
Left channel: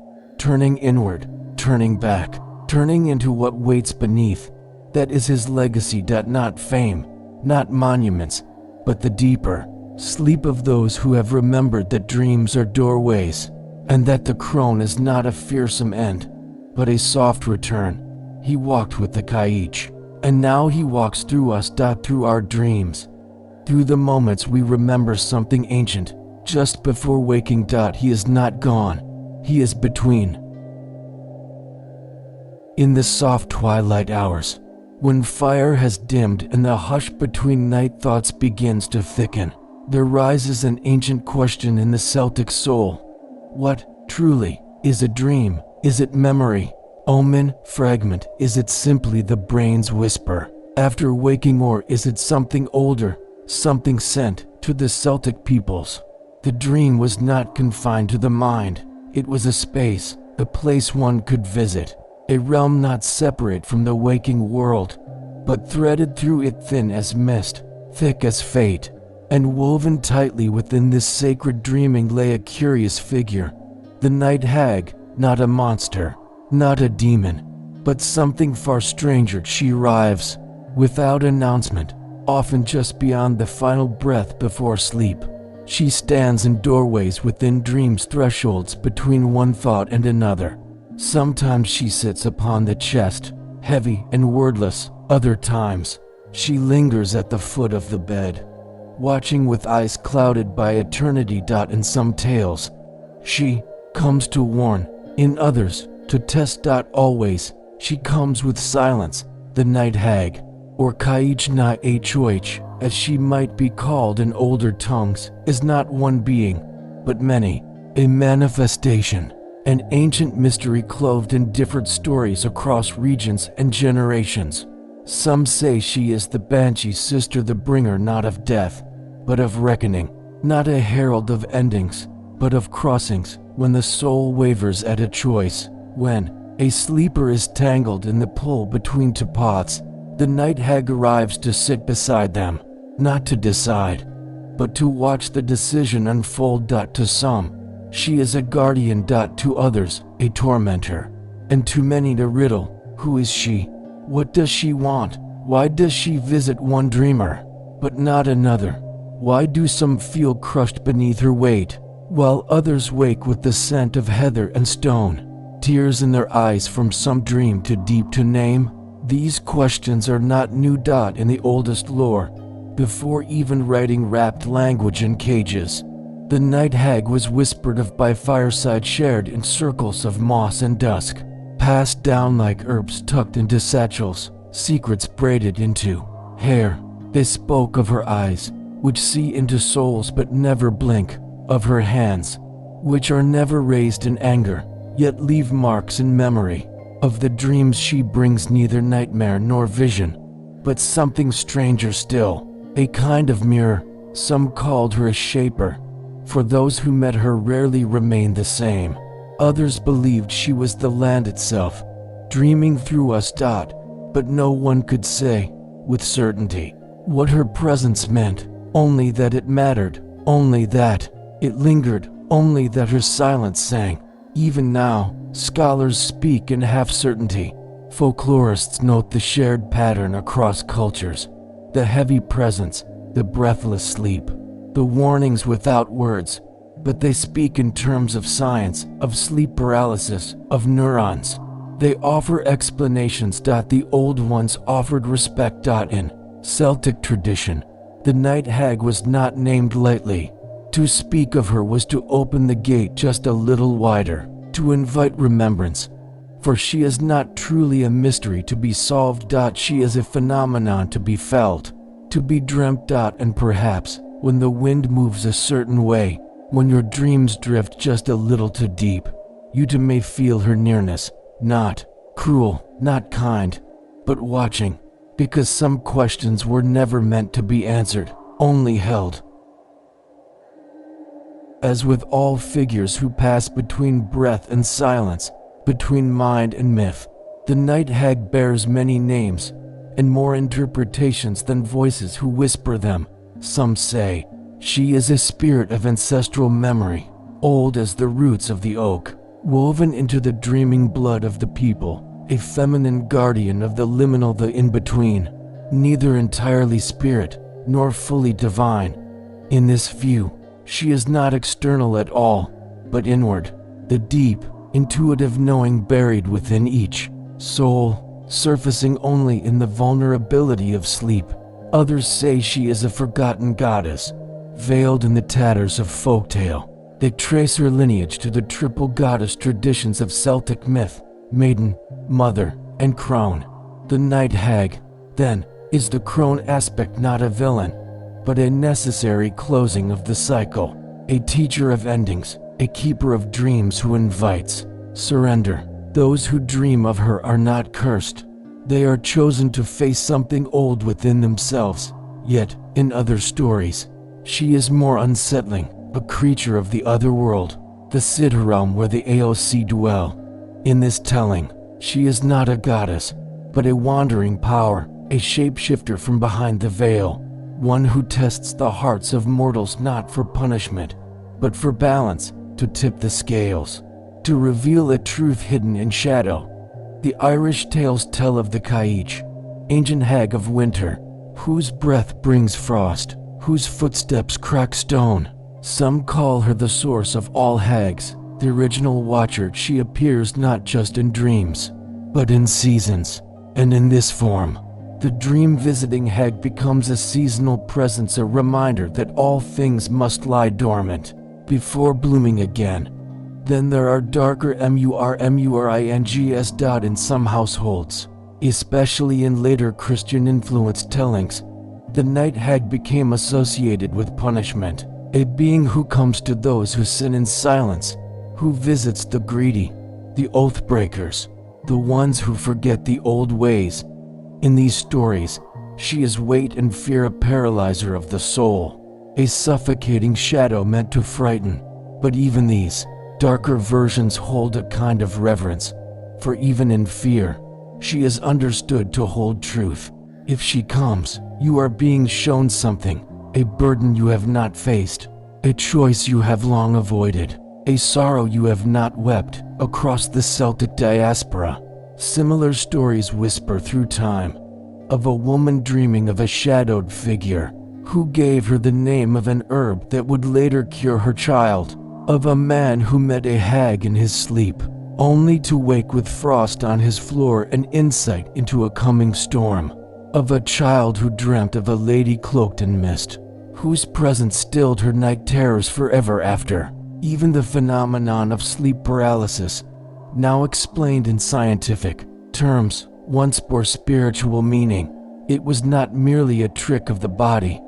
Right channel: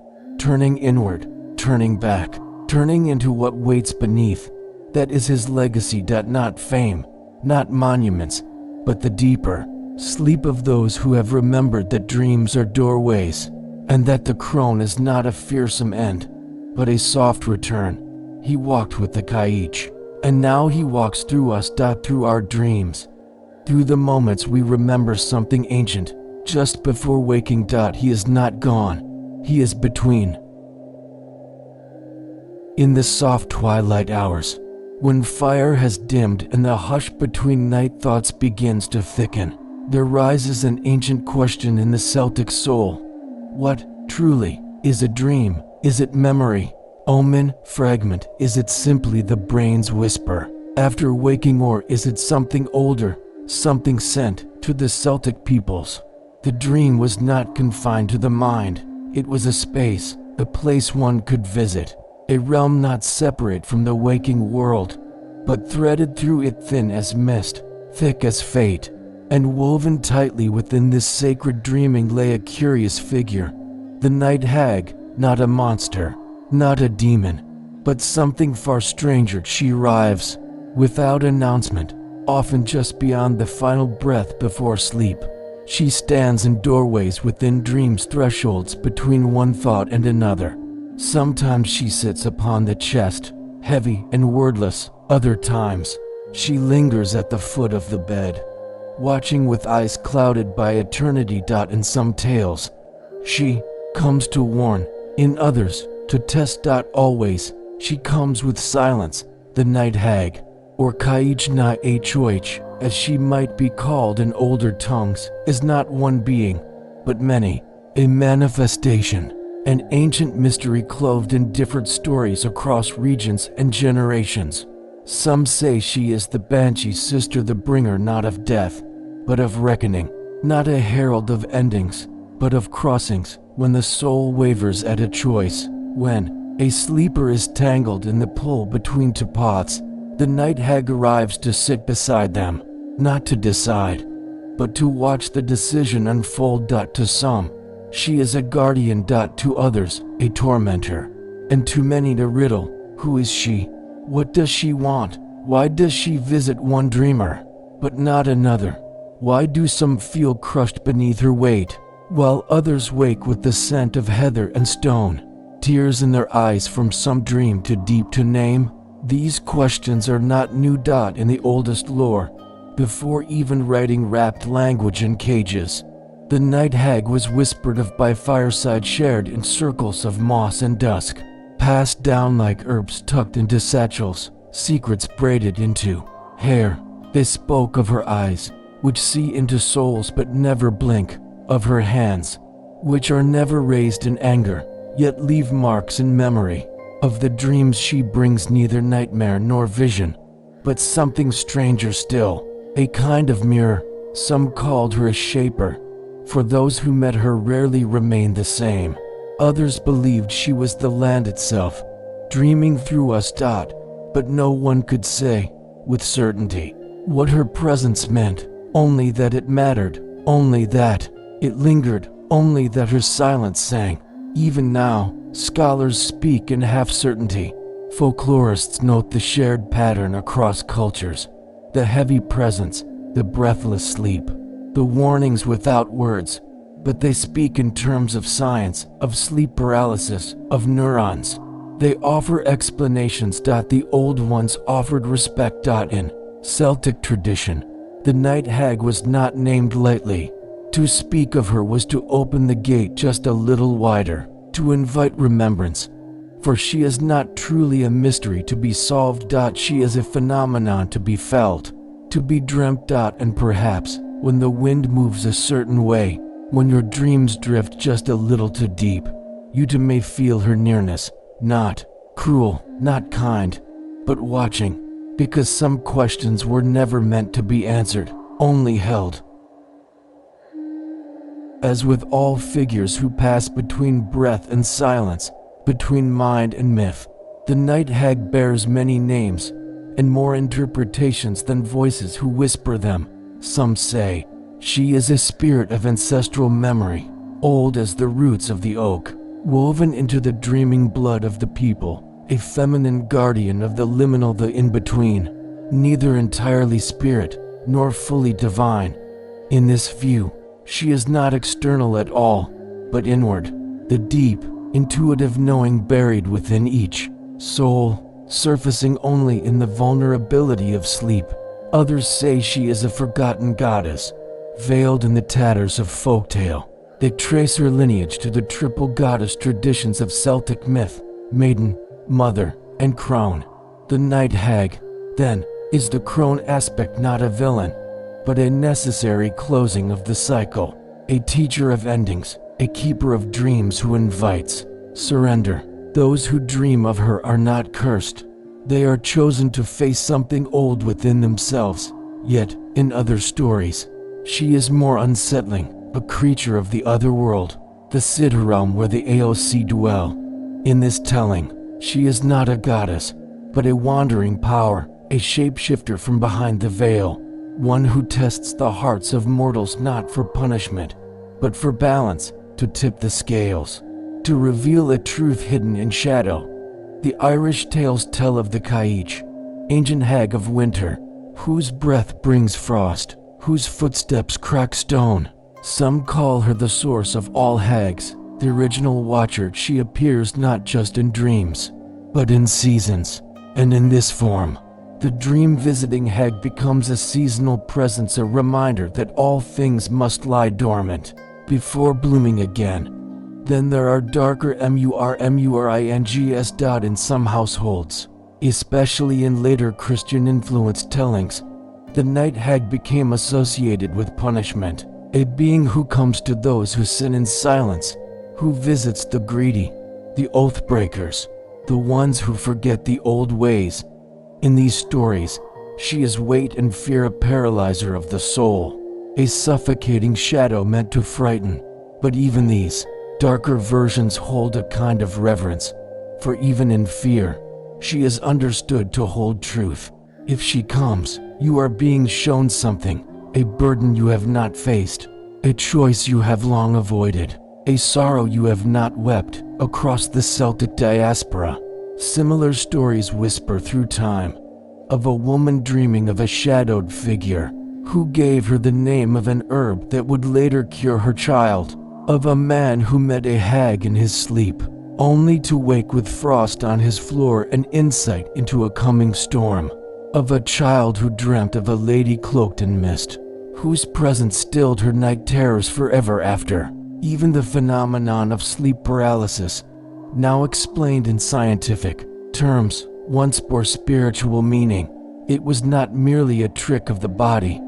inward, turning back, turning into what waits beneath. That is his legacy. Not fame, not monuments, but the deeper sleep of those who have remembered that dreams are doorways, and that the crone is not a fearsome end, but a soft return. He walked with the Kaich, and now he walks through us. Through our dreams, through the moments we remember something ancient, just before waking. He is not gone, he is between. In the soft twilight hours, when fire has dimmed and the hush between night thoughts begins to thicken, there rises an ancient question in the Celtic soul. What, truly, is a dream? Is it memory, omen, fragment? Is it simply the brain's whisper after waking, or is it something older, something sent to the Celtic peoples? The dream was not confined to the mind. It was a space, a place one could visit, a realm not separate from the waking world, but threaded through it, thin as mist, thick as fate. And woven tightly within this sacred dreaming lay a curious figure, the Night Hag, not a monster, not a demon, but something far stranger. She arrives without announcement, often just beyond the final breath before sleep. She stands in doorways within dreams, thresholds between one thought and another. Sometimes she sits upon the chest, heavy and wordless. Other times, she lingers at the foot of the bed, watching with eyes clouded by eternity. In some tales, she comes to warn, in others, to test. Always, she comes with silence, the Night Hag, or Kaich na Hoch, as she might be called in older tongues, is not one being, but many, a manifestation, an ancient mystery clothed in different stories across regions and generations. Some say she is the Banshee's sister, the bringer not of death, but of reckoning, not a herald of endings, but of crossings, when the soul wavers at a choice, when a sleeper is tangled in the pull between two paths. The Night Hag arrives to sit beside them, not to decide, but to watch the decision unfold. To some, she is a guardian. To others, a tormentor, and to many the riddle, who is she? What does she want? Why does she visit one dreamer, but not another? Why do some feel crushed beneath her weight, while others wake with the scent of heather and stone, tears in their eyes from some dream too deep to name? These questions are not new. In the oldest lore, before even writing wrapped language in cages, the Night Hag was whispered of by fireside, shared in circles of moss and dusk, passed down like herbs tucked into satchels, secrets braided into hair. They spoke of her eyes, which see into souls but never blink, of her hands, which are never raised in anger, yet leave marks in memory, of the dreams she brings, neither nightmare nor vision, but something stranger still, a kind of mirror. Some called her a shaper, for those who met her rarely remained the same. Others believed she was the land itself, dreaming through us. But no one could say, with certainty, what her presence meant, only that it mattered, only that it lingered, only that her silence sang. Even now, scholars speak in half-certainty. Folklorists note the shared pattern across cultures, the heavy presence, the breathless sleep, the warnings without words, but they speak in terms of science, of sleep paralysis, of neurons. They offer explanations. The old ones offered respect. In Celtic tradition, the Night Hag was not named lightly. To speak of her was to open the gate just a little wider, to invite remembrance. For she is not truly a mystery to be solved. She is a phenomenon to be felt, to be dreamt. And perhaps, when the wind moves a certain way, when your dreams drift just a little too deep, you too may feel her nearness, not cruel, not kind, but watching, because some questions were never meant to be answered, only held. As with all figures who pass between breath and silence, between mind and myth, the Night Hag bears many names, and more interpretations than voices who whisper them. Some say she is a spirit of ancestral memory, old as the roots of the oak, woven into the dreaming blood of the people, a feminine guardian of the liminal, the in-between, neither entirely spirit, nor fully divine. In this view, she is not external at all, but inward, the deep, intuitive knowing buried within each soul, surfacing only in the vulnerability of sleep. Others say she is a forgotten goddess, veiled in the tatters of folktale. They trace her lineage to the triple goddess traditions of Celtic myth: maiden, mother, and crone. The Night Hag, then, is the crone aspect not a villain, but a necessary closing of the cycle, a teacher of endings, a keeper of dreams who invites surrender. Those who dream of her are not cursed. They are chosen to face something old within themselves. Yet, in other stories, she is more unsettling, a creature of the other world, the Siddharealm where the Aoc dwell. In this telling, she is not a goddess, but a wandering power, a shapeshifter from behind the veil, one who tests the hearts of mortals not for punishment, but for balance, to tip the scales, to reveal a truth hidden in shadow. The Irish tales tell of the Kaich, ancient hag of winter, whose breath brings frost, whose footsteps crack stone. Some call her the source of all hags, the original watcher. She appears not just in dreams, but in seasons, and in this form, the dream-visiting hag becomes a seasonal presence, a reminder that all things must lie dormant before blooming again. Then there are darker murmurings in some households, especially in later Christian-influenced tellings. The Night Hag became associated with punishment, a being who comes to those who sin in silence, who visits the greedy, the oath-breakers, the ones who forget the old ways. In these stories, she is weight and fear, a paralyzer of the soul, a suffocating shadow meant to frighten. But even these darker versions hold a kind of reverence, for even in fear, she is understood to hold truth. If she comes, you are being shown something, a burden you have not faced, a choice you have long avoided, a sorrow you have not wept. Across the Celtic diaspora, similar stories whisper through time, of a woman dreaming of a shadowed figure who gave her the name of an herb that would later cure her child, of a man who met a hag in his sleep, only to wake with frost on his floor and insight into a coming storm, of a child who dreamt of a lady cloaked in mist, whose presence stilled her night terrors forever after. Even the phenomenon of sleep paralysis, now explained in scientific terms, once bore spiritual meaning. It was not merely a trick of the body,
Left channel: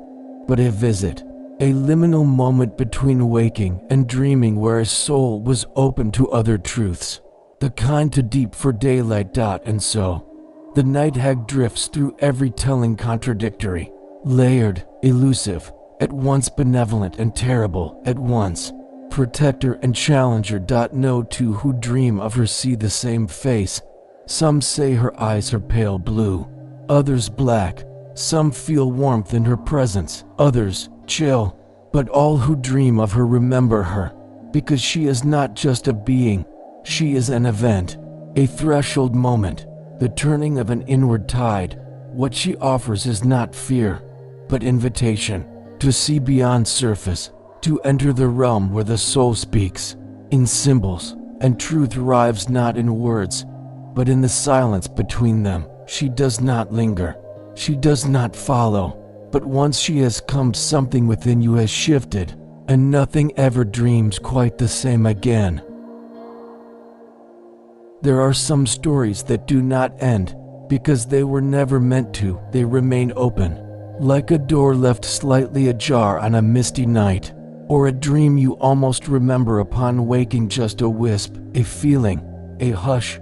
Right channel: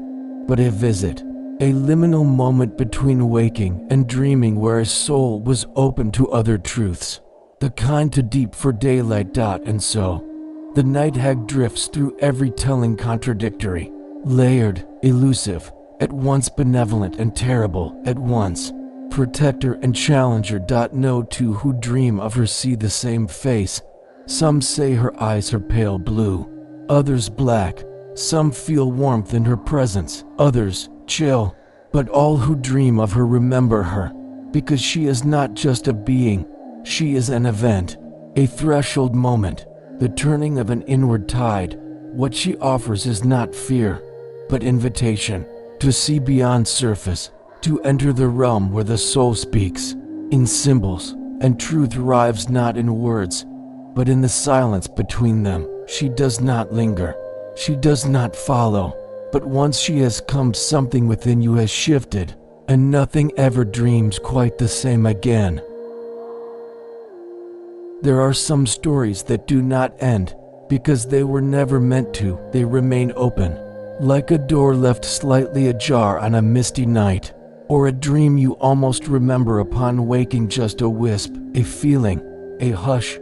but a visit, a liminal moment between waking and dreaming where a soul was open to other truths, the kind too deep for daylight. And so, the Night Hag drifts through every telling, contradictory, layered, elusive, at once benevolent and terrible at once, protector and challenger. No two who dream of her see the same face. Some say her eyes are pale blue, others black. Some feel warmth in her presence, others chill. But all who dream of her remember her, because she is not just a being, she is an event, a threshold moment, the turning of an inward tide. What she offers is not fear, but invitation, to see beyond surface, to enter the realm where the soul speaks, in symbols, and truth arrives not in words, but in the silence between them. She does not linger, she does not follow, but once she has come, something within you has shifted, and nothing ever dreams quite the same again. There are some stories that do not end, because they were never meant to. They remain open, like a door left slightly ajar on a misty night, or a dream you almost remember upon waking, just a wisp, a feeling, a hush.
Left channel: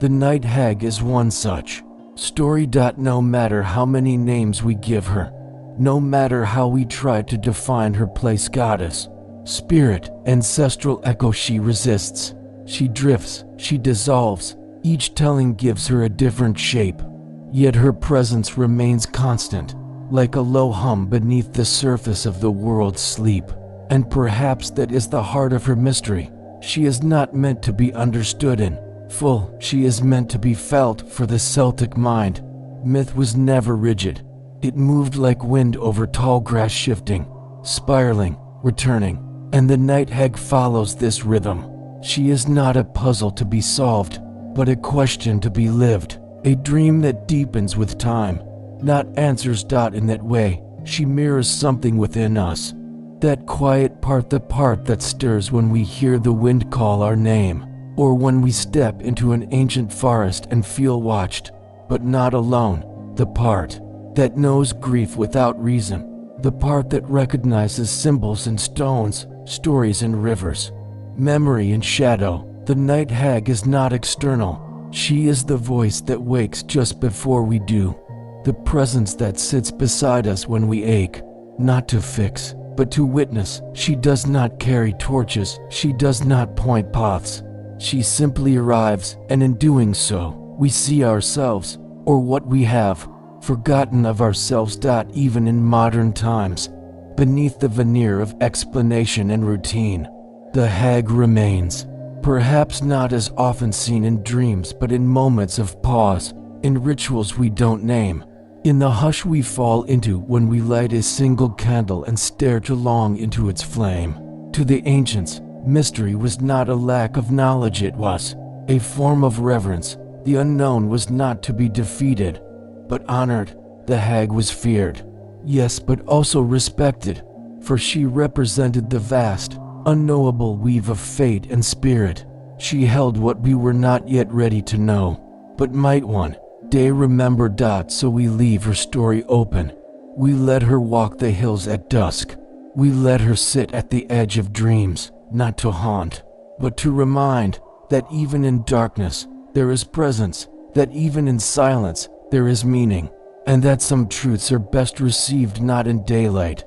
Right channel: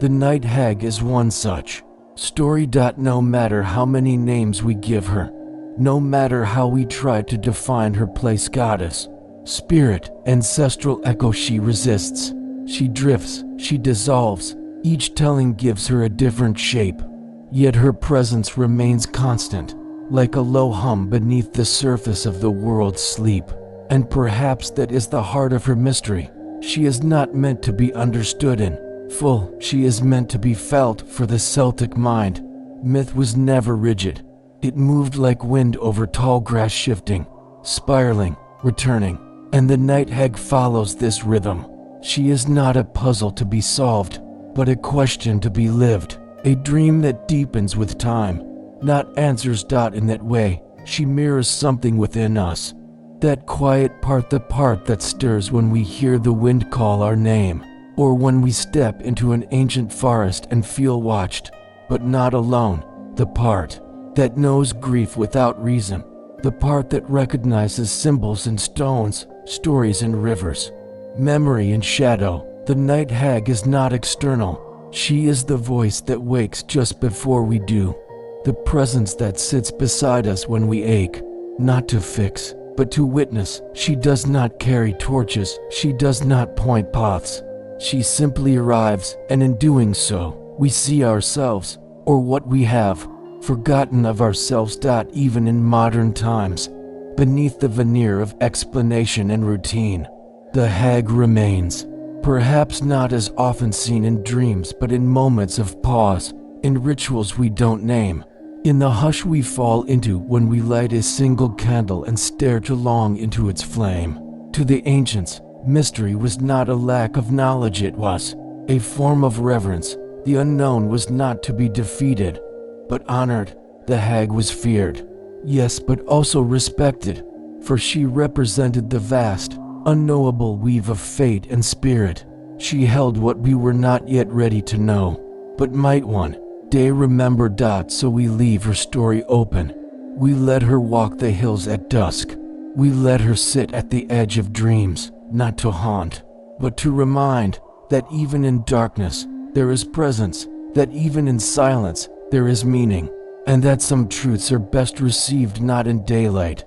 The Night Hag is one such story. No matter how many names we give her, no matter how we try to define her place, goddess, spirit, ancestral echo, she resists. She drifts, she dissolves. Each telling gives her a different shape, yet her presence remains constant, like a low hum beneath the surface of the world's sleep. And perhaps that is the heart of her mystery. She is not meant to be understood in full, she is meant to be felt. For the Celtic mind, myth was never rigid. It moved like wind over tall grass, shifting, spiraling, returning, and the Night Hag follows this rhythm. She is not a puzzle to be solved, but a question to be lived, a dream that deepens with time, not answers. In that way, she mirrors something within us, that quiet part, the part that stirs when we hear the wind call our name, or when we step into an ancient forest and feel watched, but not alone, the part that knows grief without reason, the part that recognizes symbols in stones, stories in rivers, memory in shadow. The Night Hag is not external, she is the voice that wakes just before we do, the presence that sits beside us when we ache, not to fix, but to witness. She does not carry torches, she does not point paths, she simply arrives, and in doing so, we see ourselves, or what we have forgotten of ourselves. Even in modern times, beneath the veneer of explanation and routine, the hag remains, perhaps not as often seen in dreams, but in moments of pause, in rituals we don't name, in the hush we fall into when we light a single candle and stare too long into its flame. To the ancients, mystery was not a lack of knowledge, it was a form of reverence. The unknown was not to be defeated, but honored. The hag was feared, yes, but also respected, for she represented the vast, unknowable weave of fate and spirit. She held what we were not yet ready to know, but might one day remember. So we leave her story open. We let her walk the hills at dusk. We let her sit at the edge of dreams, not to haunt, but to remind that even in darkness there is presence, that even in silence there is meaning, and that some truths are best received not in daylight,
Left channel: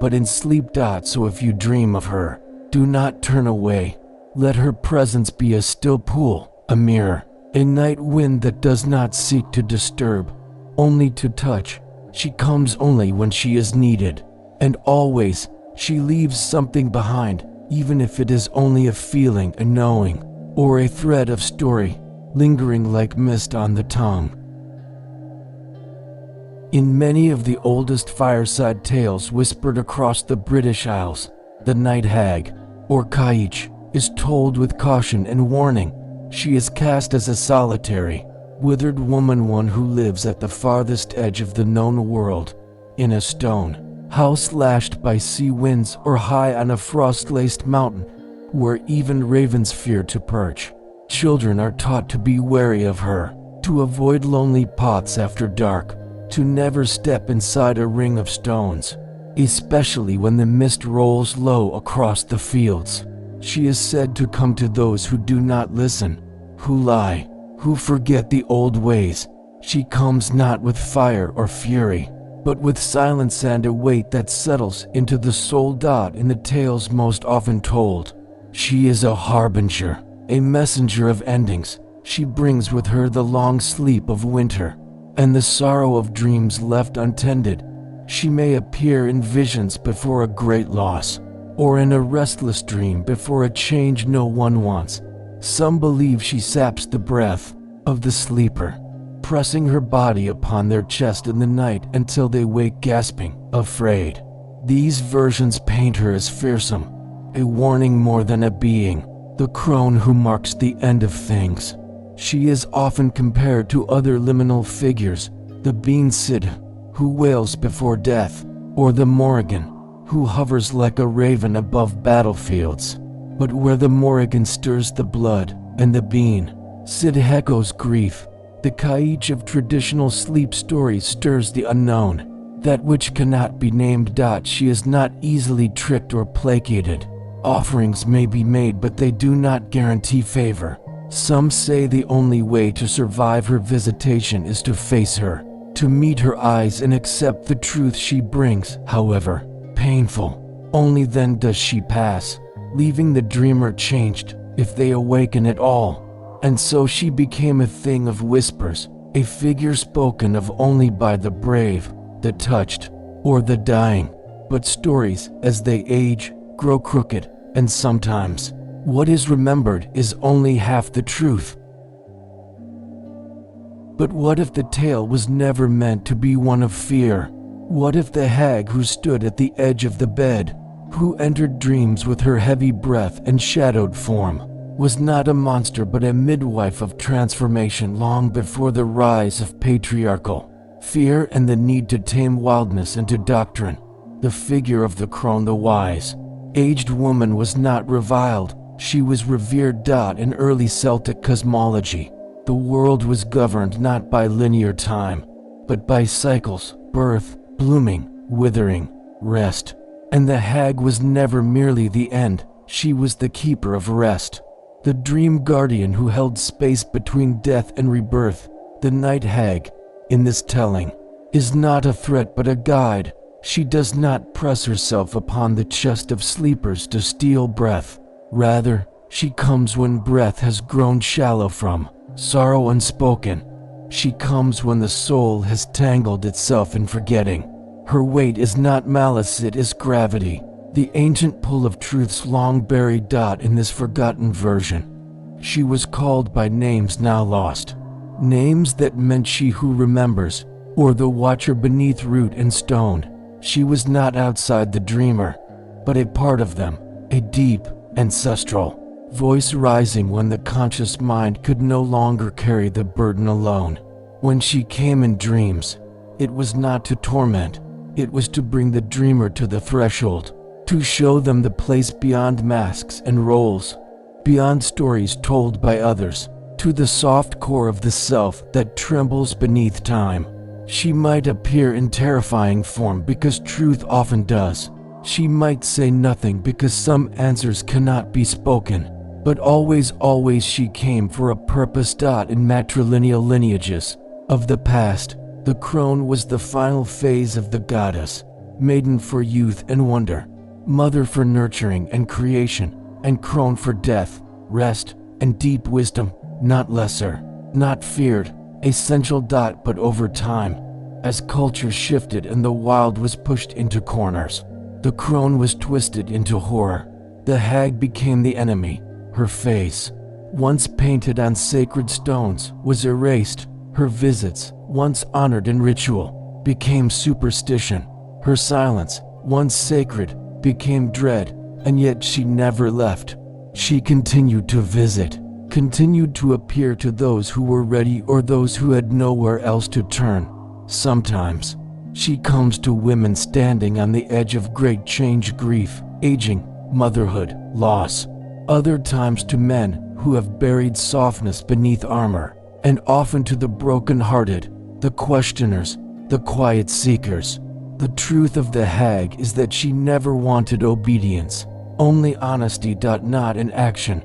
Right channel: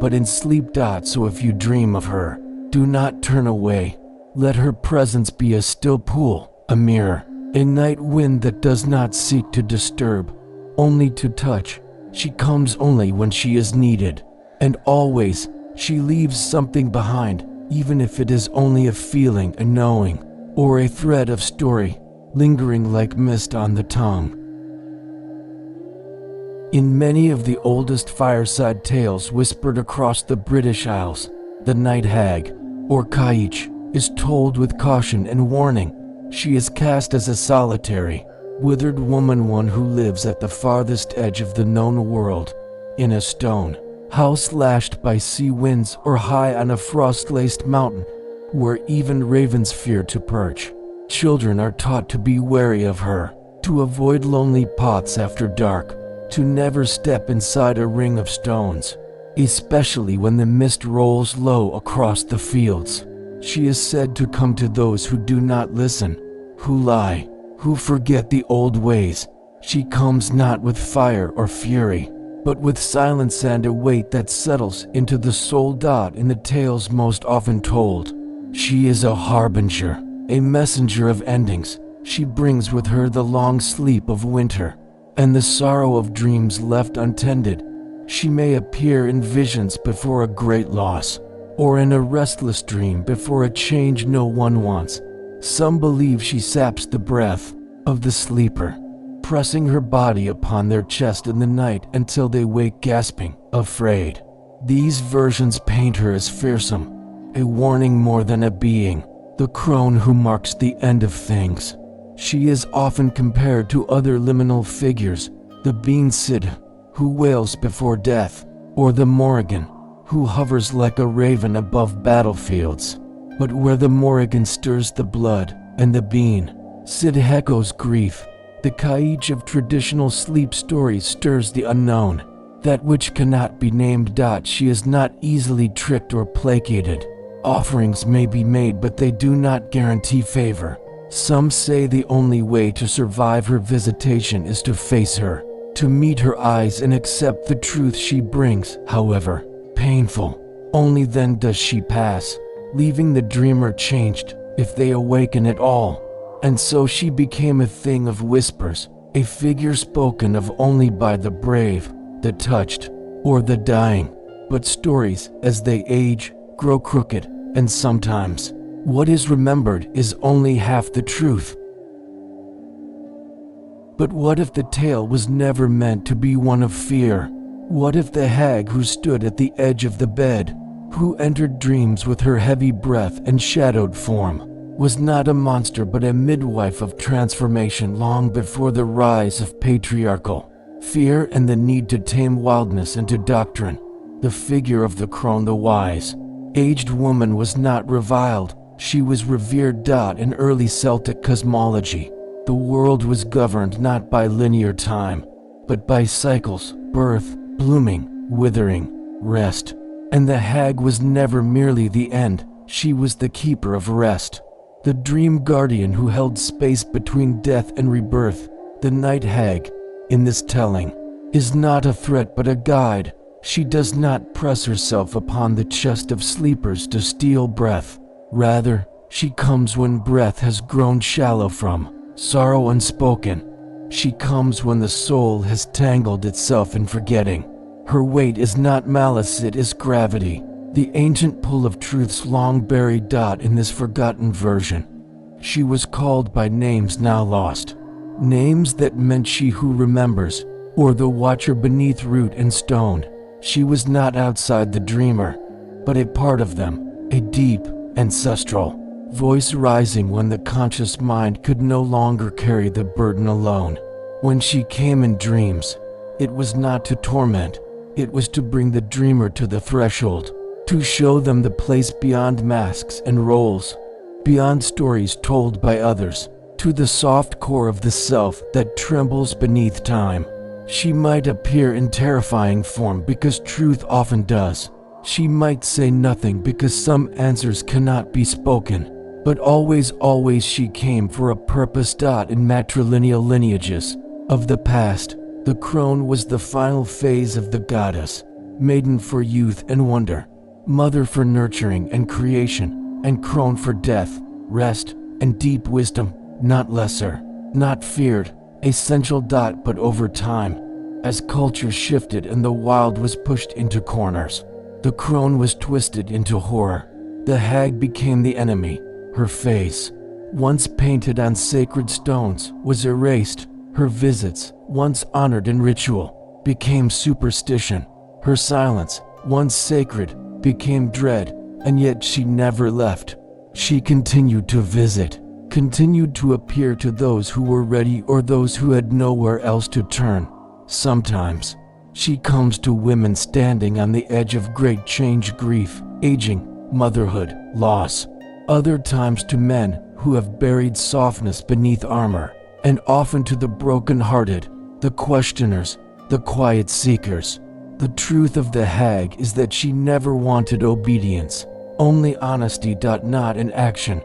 but in sleep. So if you dream of her, do not turn away. Let her presence be a still pool, a mirror, a night wind that does not seek to disturb, only to touch. She comes only when she is needed, and always she leaves something behind, even if it is only a feeling, a knowing, or a thread of story, lingering like mist on the tongue. In many of the oldest fireside tales whispered across the British Isles, the Night Hag, or Kaich, is told with caution and warning. She is cast as a solitary, withered woman, one who lives at the farthest edge of the known world, in a stone house lashed by sea winds or high on a frost-laced mountain, where even ravens fear to perch. Children are taught to be wary of her, to avoid lonely paths after dark, to never step inside a ring of stones, especially when the mist rolls low across the fields. She is said to come to those who do not listen, who lie, who forget the old ways. She comes not with fire or fury, but with silence and a weight that settles into the soul. In the tales most often told, she is a harbinger, a messenger of endings. She brings with her the long sleep of winter and the sorrow of dreams left untended. She may appear in visions before a great loss, or in a restless dream before a change no one wants. Some believe she saps the breath of the sleeper, pressing her body upon their chest in the night until they wake gasping, afraid. These versions paint her as fearsome, a warning more than a being, the crone who marks the end of things. She is often compared to other liminal figures, the Bean Cid, who wails before death, or the Morrigan, who hovers like a raven above battlefields. But where the Morrigan stirs the blood, and the Bean Cid echoes grief, the Kaich of traditional sleep stories stirs the unknown, that which cannot be named. She is not easily tricked or placated. Offerings may be made, but they do not guarantee favor. Some say the only way to survive her visitation is to face her, to meet her eyes and accept the truth she brings. However painful, only then does she pass, leaving the dreamer changed, if they awaken at all. And so she became a thing of whispers, a figure spoken of only by the brave, the touched, or the dying. But stories, as they age, grow crooked, and sometimes what is remembered is only half the truth. But what if the tale was never meant to be one of fear? What if the hag who stood at the edge of the bed, who entered dreams with her heavy breath and shadowed form, was not a monster but a midwife of transformation long before the rise of patriarchal fear and the need to tame wildness into doctrine? The figure of the crone, the wise, aged woman, was not reviled. She was revered. In early Celtic cosmology, the world was governed not by linear time, but by cycles: birth, blooming, withering, rest. And the hag was never merely the end, she was the keeper of rest, the dream guardian who held space between death and rebirth. The Night Hag, in this telling, is not a threat but a guide. She does not press herself upon the chest of sleepers to steal breath. Rather, she comes when breath has grown shallow from sorrow unspoken. She comes when the soul has tangled itself in forgetting. Her weight is not malice, it is gravity, the ancient pull of truths long buried. In this forgotten version, she was called by names now lost, names that meant she who remembers, or the watcher beneath root and stone. She was not outside the dreamer, but a part of them, a deep, ancestral voice rising when the conscious mind could no longer carry the burden alone. When she came in dreams, it was not to torment, it was to bring the dreamer to the threshold, to show them the place beyond masks and roles, beyond stories told by others, to the soft core of the self that trembles beneath time. She might appear in terrifying form because truth often does. She might say nothing because some answers cannot be spoken. But always she came for a purpose. In matrilineal lineages of the past, the crone was the final phase of the goddess, maiden for youth and wonder, mother for nurturing and creation, and crone for death, rest, and deep wisdom, not lesser, not feared, essential. But over time, as culture shifted and the wild was pushed into corners, the crone was twisted into horror. The hag became the enemy. Her face, once painted on sacred stones, was erased. Her visits, once honored in ritual, became superstition. Her silence, once sacred, became dread, and yet she never left. She continued to visit, continued to appear to those who were ready or those who had nowhere else to turn. Sometimes, she comes to women standing on the edge of great change, grief, aging, motherhood, loss. Other times to men who have buried softness beneath armor, and often to the broken-hearted, the questioners, the quiet seekers. The truth of the hag is that she never wanted obedience, only honesty. Not in action,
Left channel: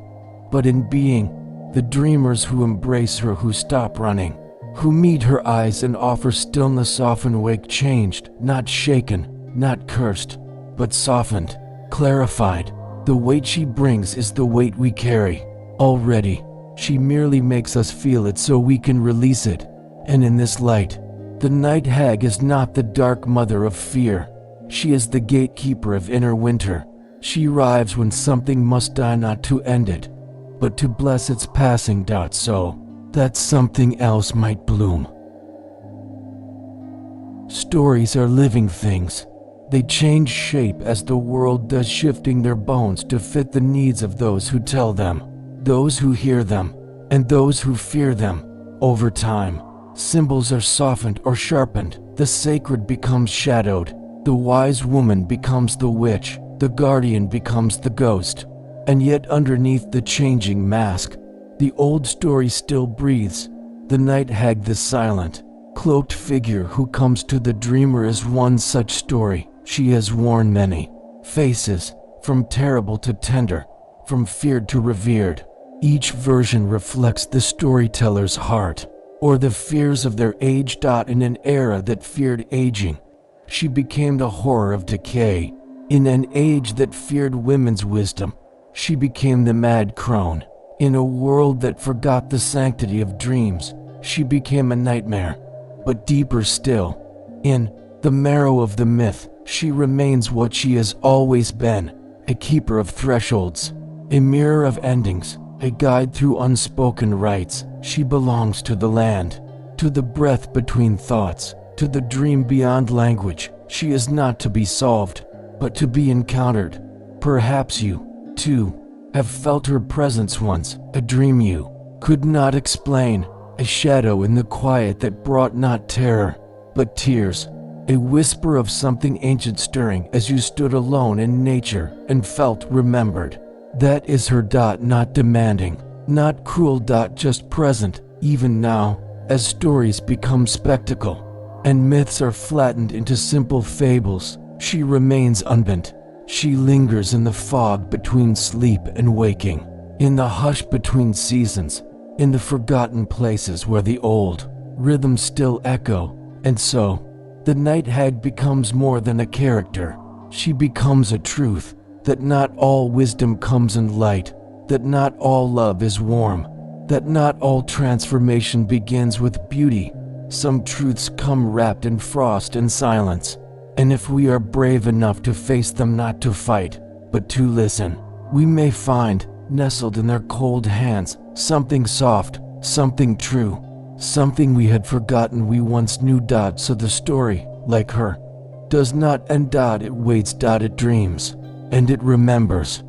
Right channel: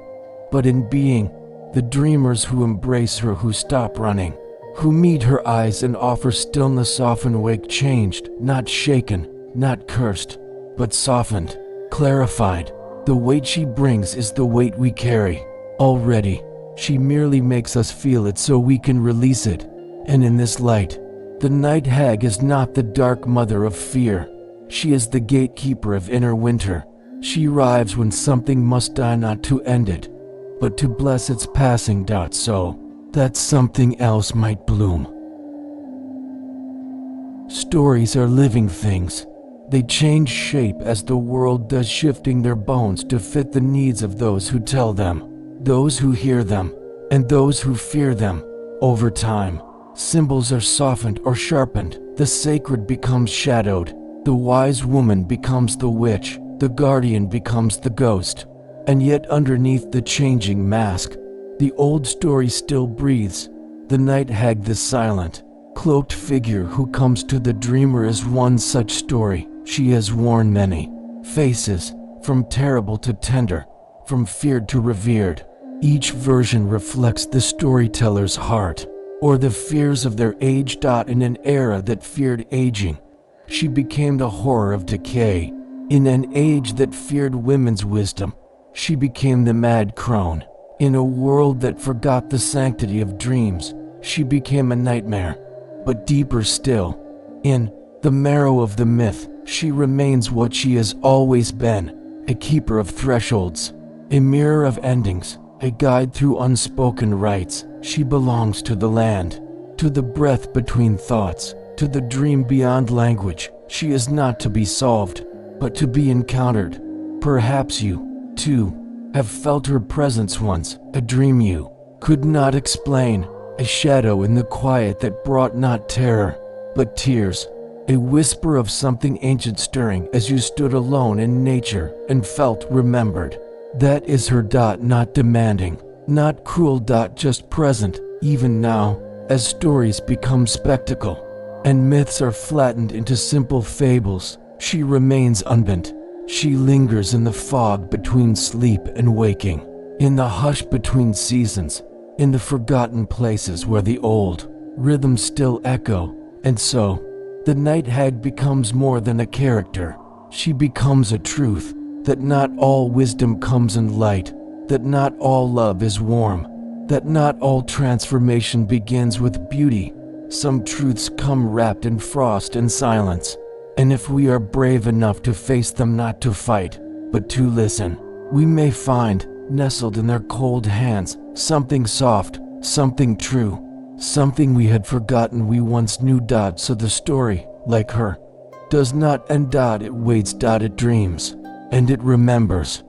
but in being. The dreamers who embrace her, who stop running, who meet her eyes and offer stillness, often wake changed, not shaken, not cursed, but softened, clarified. The weight she brings is the weight we carry. Already, she merely makes us feel it so we can release it. And in this light, the night hag is not the dark mother of fear. She is the gatekeeper of inner winter. She arrives when something must die, not to end it, but to bless its passing. So that something else might bloom. Stories are living things. They change shape as the world does, shifting their bones to fit the needs of those who tell them, those who hear them, and those who fear them. Over time, symbols are softened or sharpened. The sacred becomes shadowed. The wise woman becomes the witch. The guardian becomes the ghost. And yet underneath the changing mask, the old story still breathes. The night hag, the silent, cloaked figure who comes to the dreamer, is one such story. She has worn many faces, from terrible to tender, from feared to revered. Each version reflects the storyteller's heart, or the fears of their age. In an era that feared aging, she became the horror of decay. In an age that feared women's wisdom, she became the mad crone. In a world that forgot the sanctity of dreams, she became a nightmare. But deeper still, in the marrow of the myth, she remains what she has always been, a keeper of thresholds, a mirror of endings, a guide through unspoken rites. She belongs to the land, to the breath between thoughts, to the dream beyond language. She is not to be solved, but to be encountered. Perhaps you, too, have felt her presence once, a dream you could not explain, a shadow in the quiet that brought not terror, but tears, a whisper of something ancient stirring as you stood alone in nature and felt remembered. That is her. Not demanding, not cruel. Just present, even now, as stories become spectacle, and myths are flattened into simple fables. She remains unbent. She lingers in the fog between sleep and waking, in the hush between seasons, in the forgotten places where the old rhythms still echo. And so, the night hag becomes more than a character. She becomes a truth, that not all wisdom comes in light, that not all love is warm, that not all transformation begins with beauty. Some truths come wrapped in frost and silence. And if we are brave enough to face them, not to fight, but to listen, we may find, nestled in their cold hands, something soft, something true, something we had forgotten we once knew. So the story, like her, does not end. It waits. It dreams, and it remembers.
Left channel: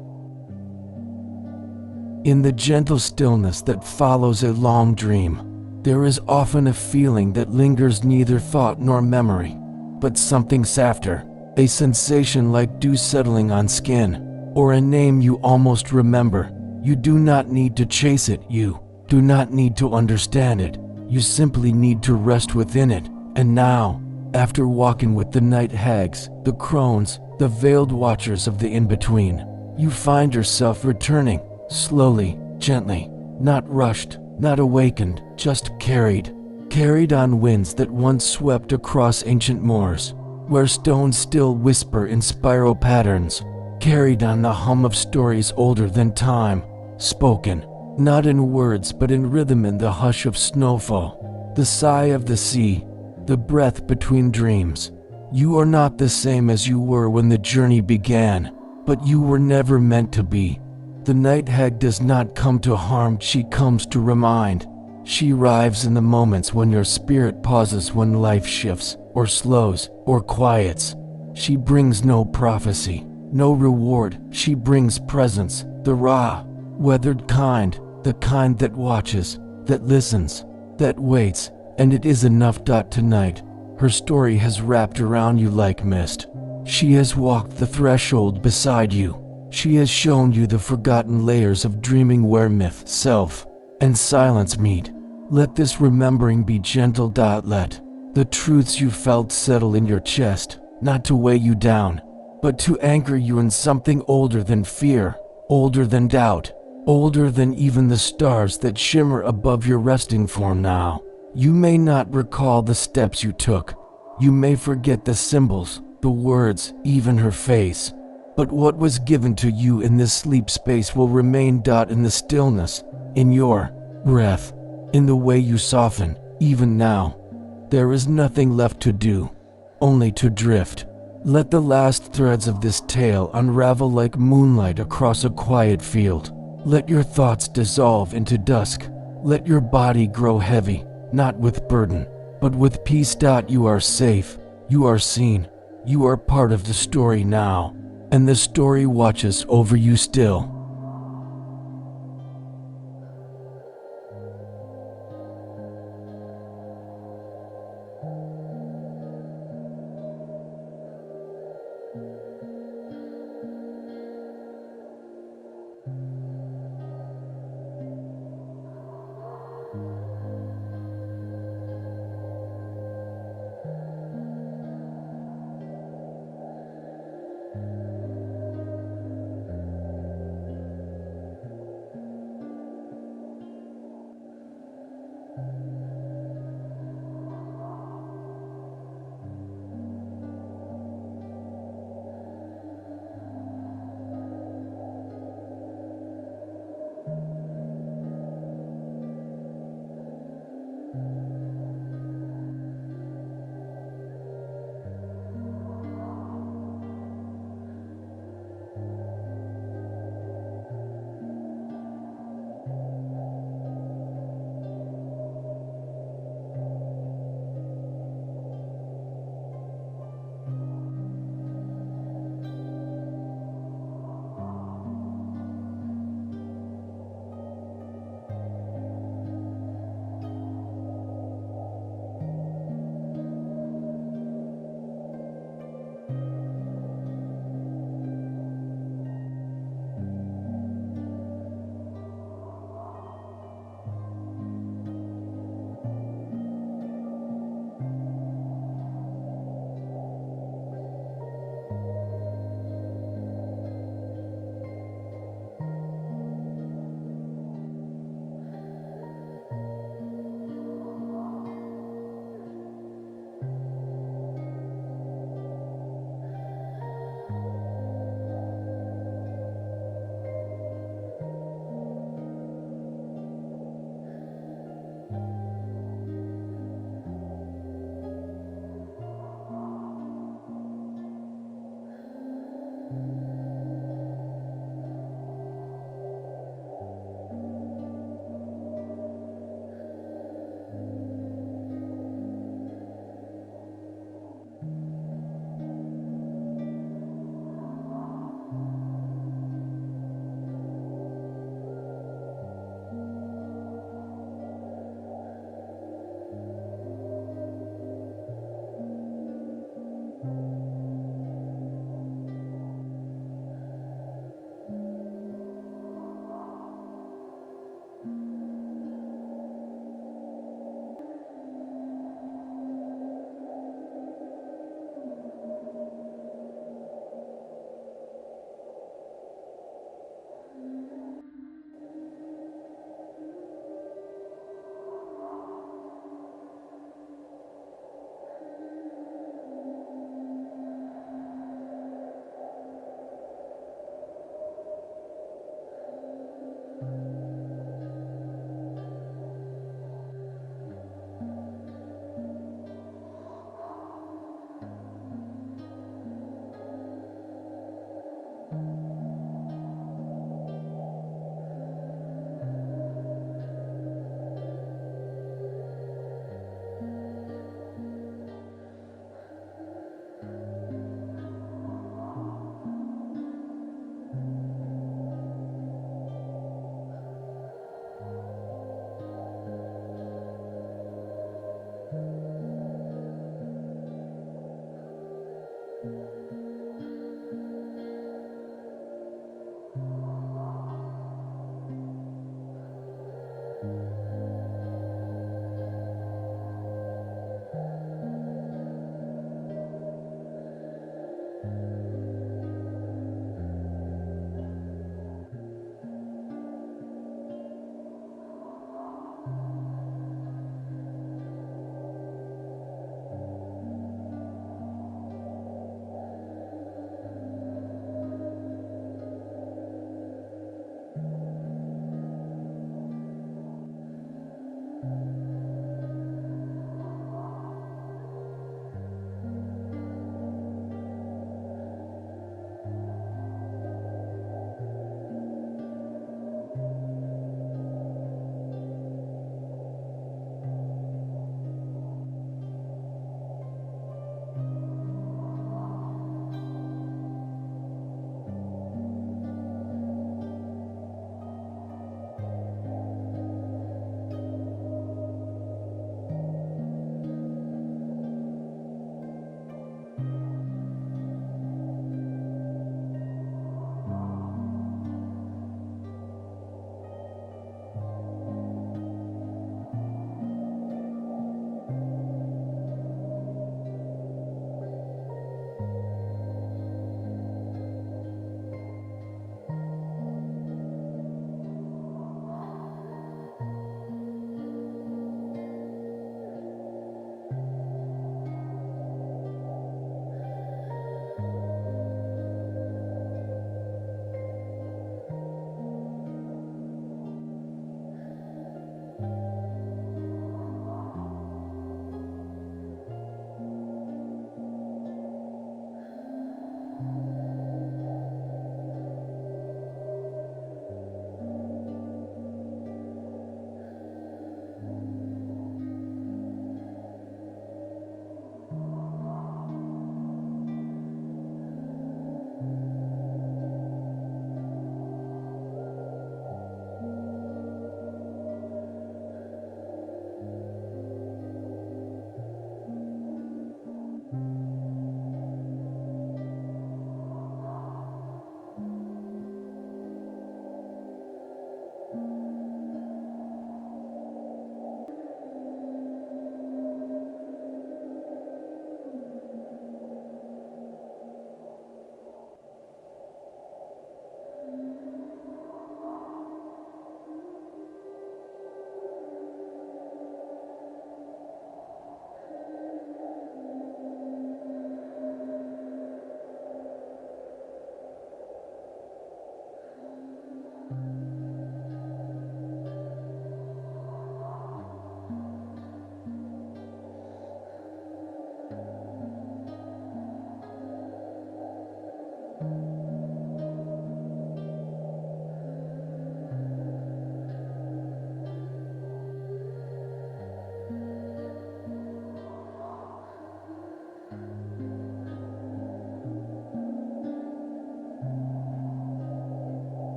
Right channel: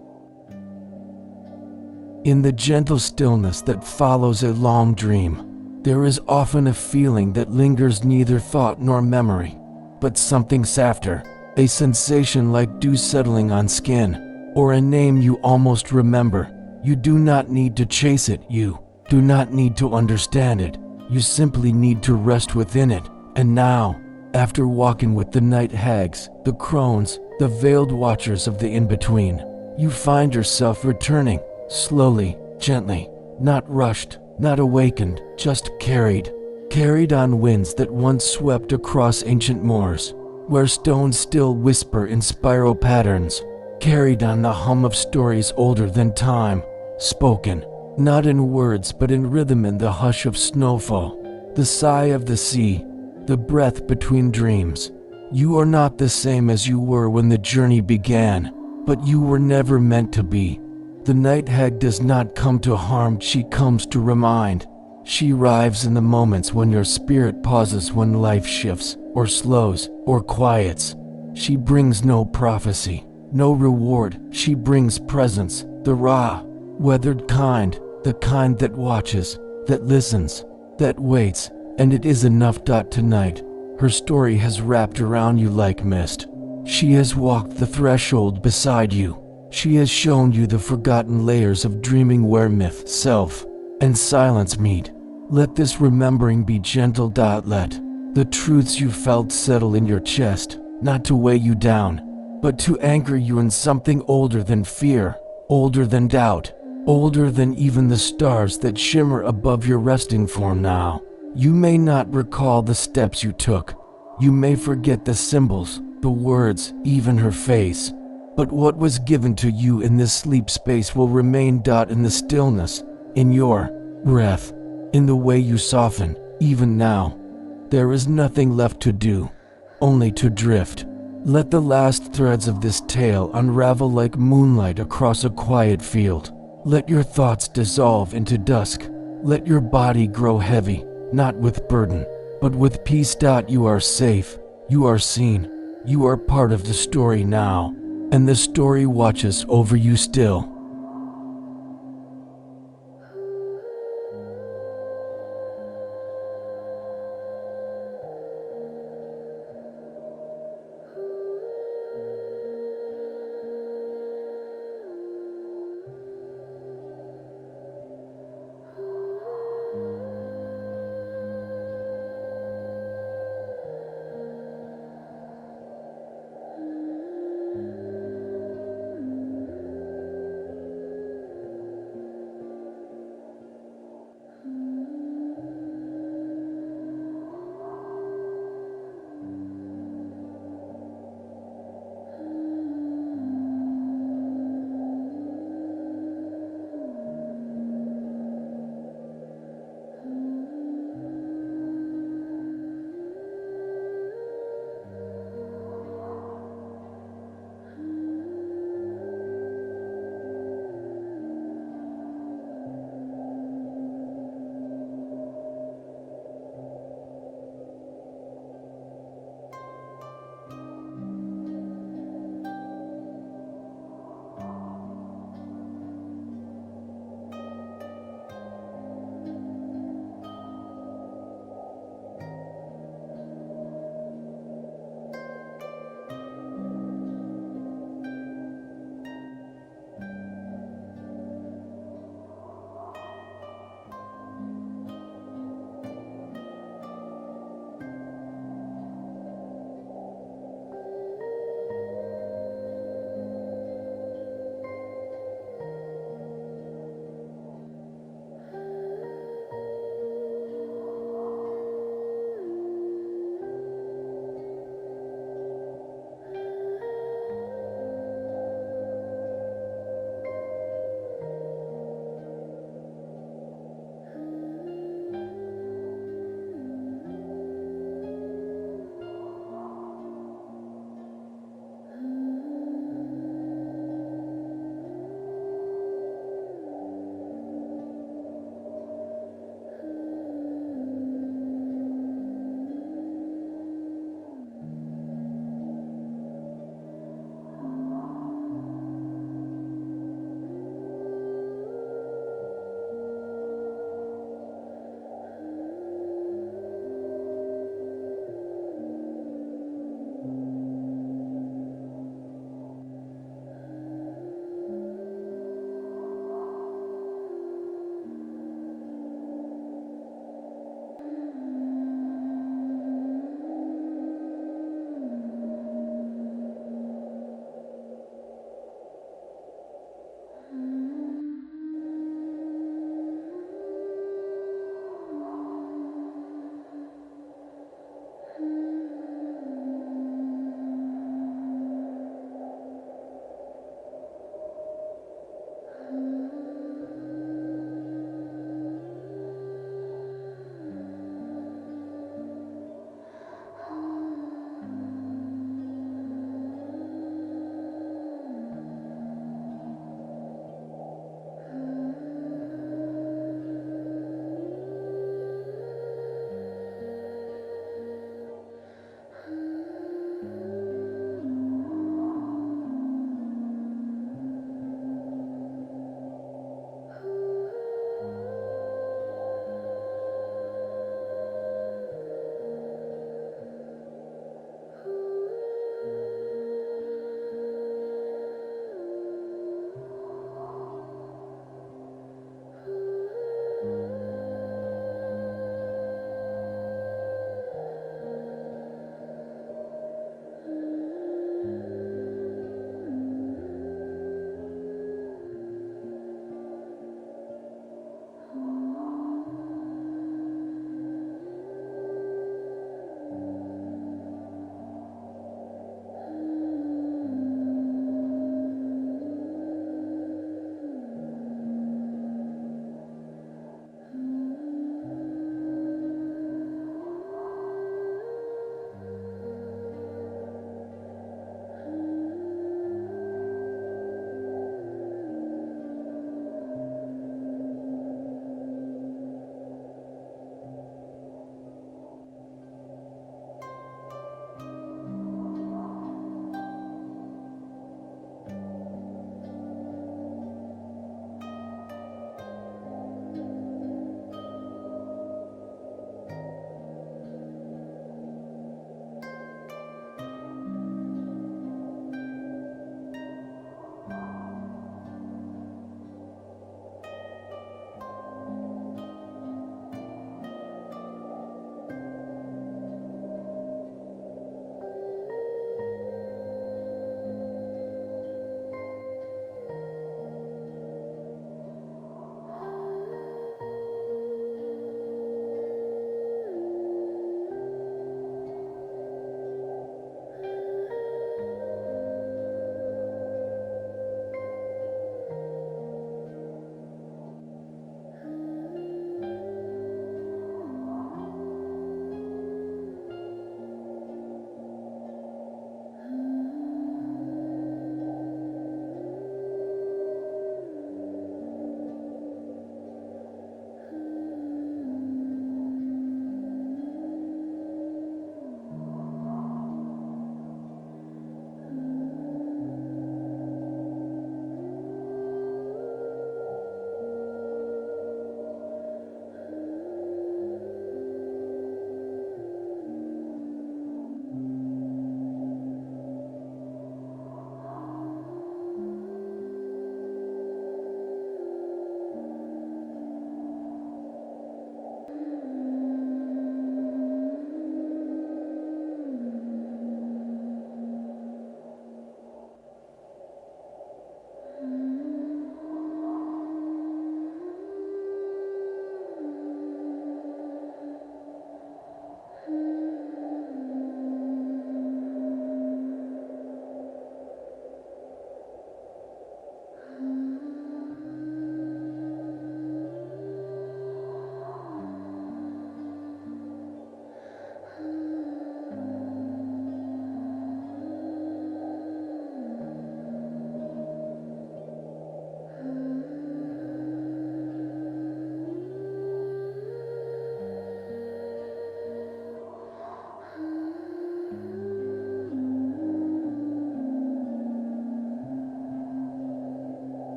In the gentle stillness that follows a long dream, there is often a feeling that lingers, neither thought nor memory, but something softer, A sensation like dew settling on skin, or a name you almost remember. You do not need to chase it, you do not need to understand it. You simply need to rest within it. And now, after walking with the night hags, the crones, the veiled watchers of the in-between, you find yourself returning, slowly, gently, not rushed, not awakened, just carried. Carried on winds that once swept across ancient moors, where stones still whisper in spiral patterns. Carried on the hum of stories older than time, spoken, not in words but in rhythm, in the hush of snowfall, the sigh of the sea, the breath between dreams. You are not the same as you were when the journey began, but you were never meant to be. The night hag does not come to harm, she comes to remind. She arrives in the moments when your spirit pauses, when life shifts, or slows, or quiets. She brings no prophecy, no reward, she brings presence, the raw, weathered kind, the kind that watches, that listens, that waits, and it is enough. Tonight, her story has wrapped around you like mist. She has walked the threshold beside you. She has shown you the forgotten layers of dreaming where myth, self, and silence meet. Let this remembering be gentle. Let the truths you felt settle in your chest, not to weigh you down, but to anchor you in something older than fear, older than doubt, older than even the stars that shimmer above your resting form now. You may not recall the steps you took. You may forget the symbols, the words, even her face. But what was given to you in this sleep space will remain. In the stillness, in your breath, in the way you soften, even now. There is nothing left to do, only to drift. Let the last threads of this tale unravel like moonlight across a quiet field. Let your thoughts dissolve into dusk. Let your body grow heavy, not with burden, but with peace. You are safe, you are seen, you are part of the story now, and the story watches over you still.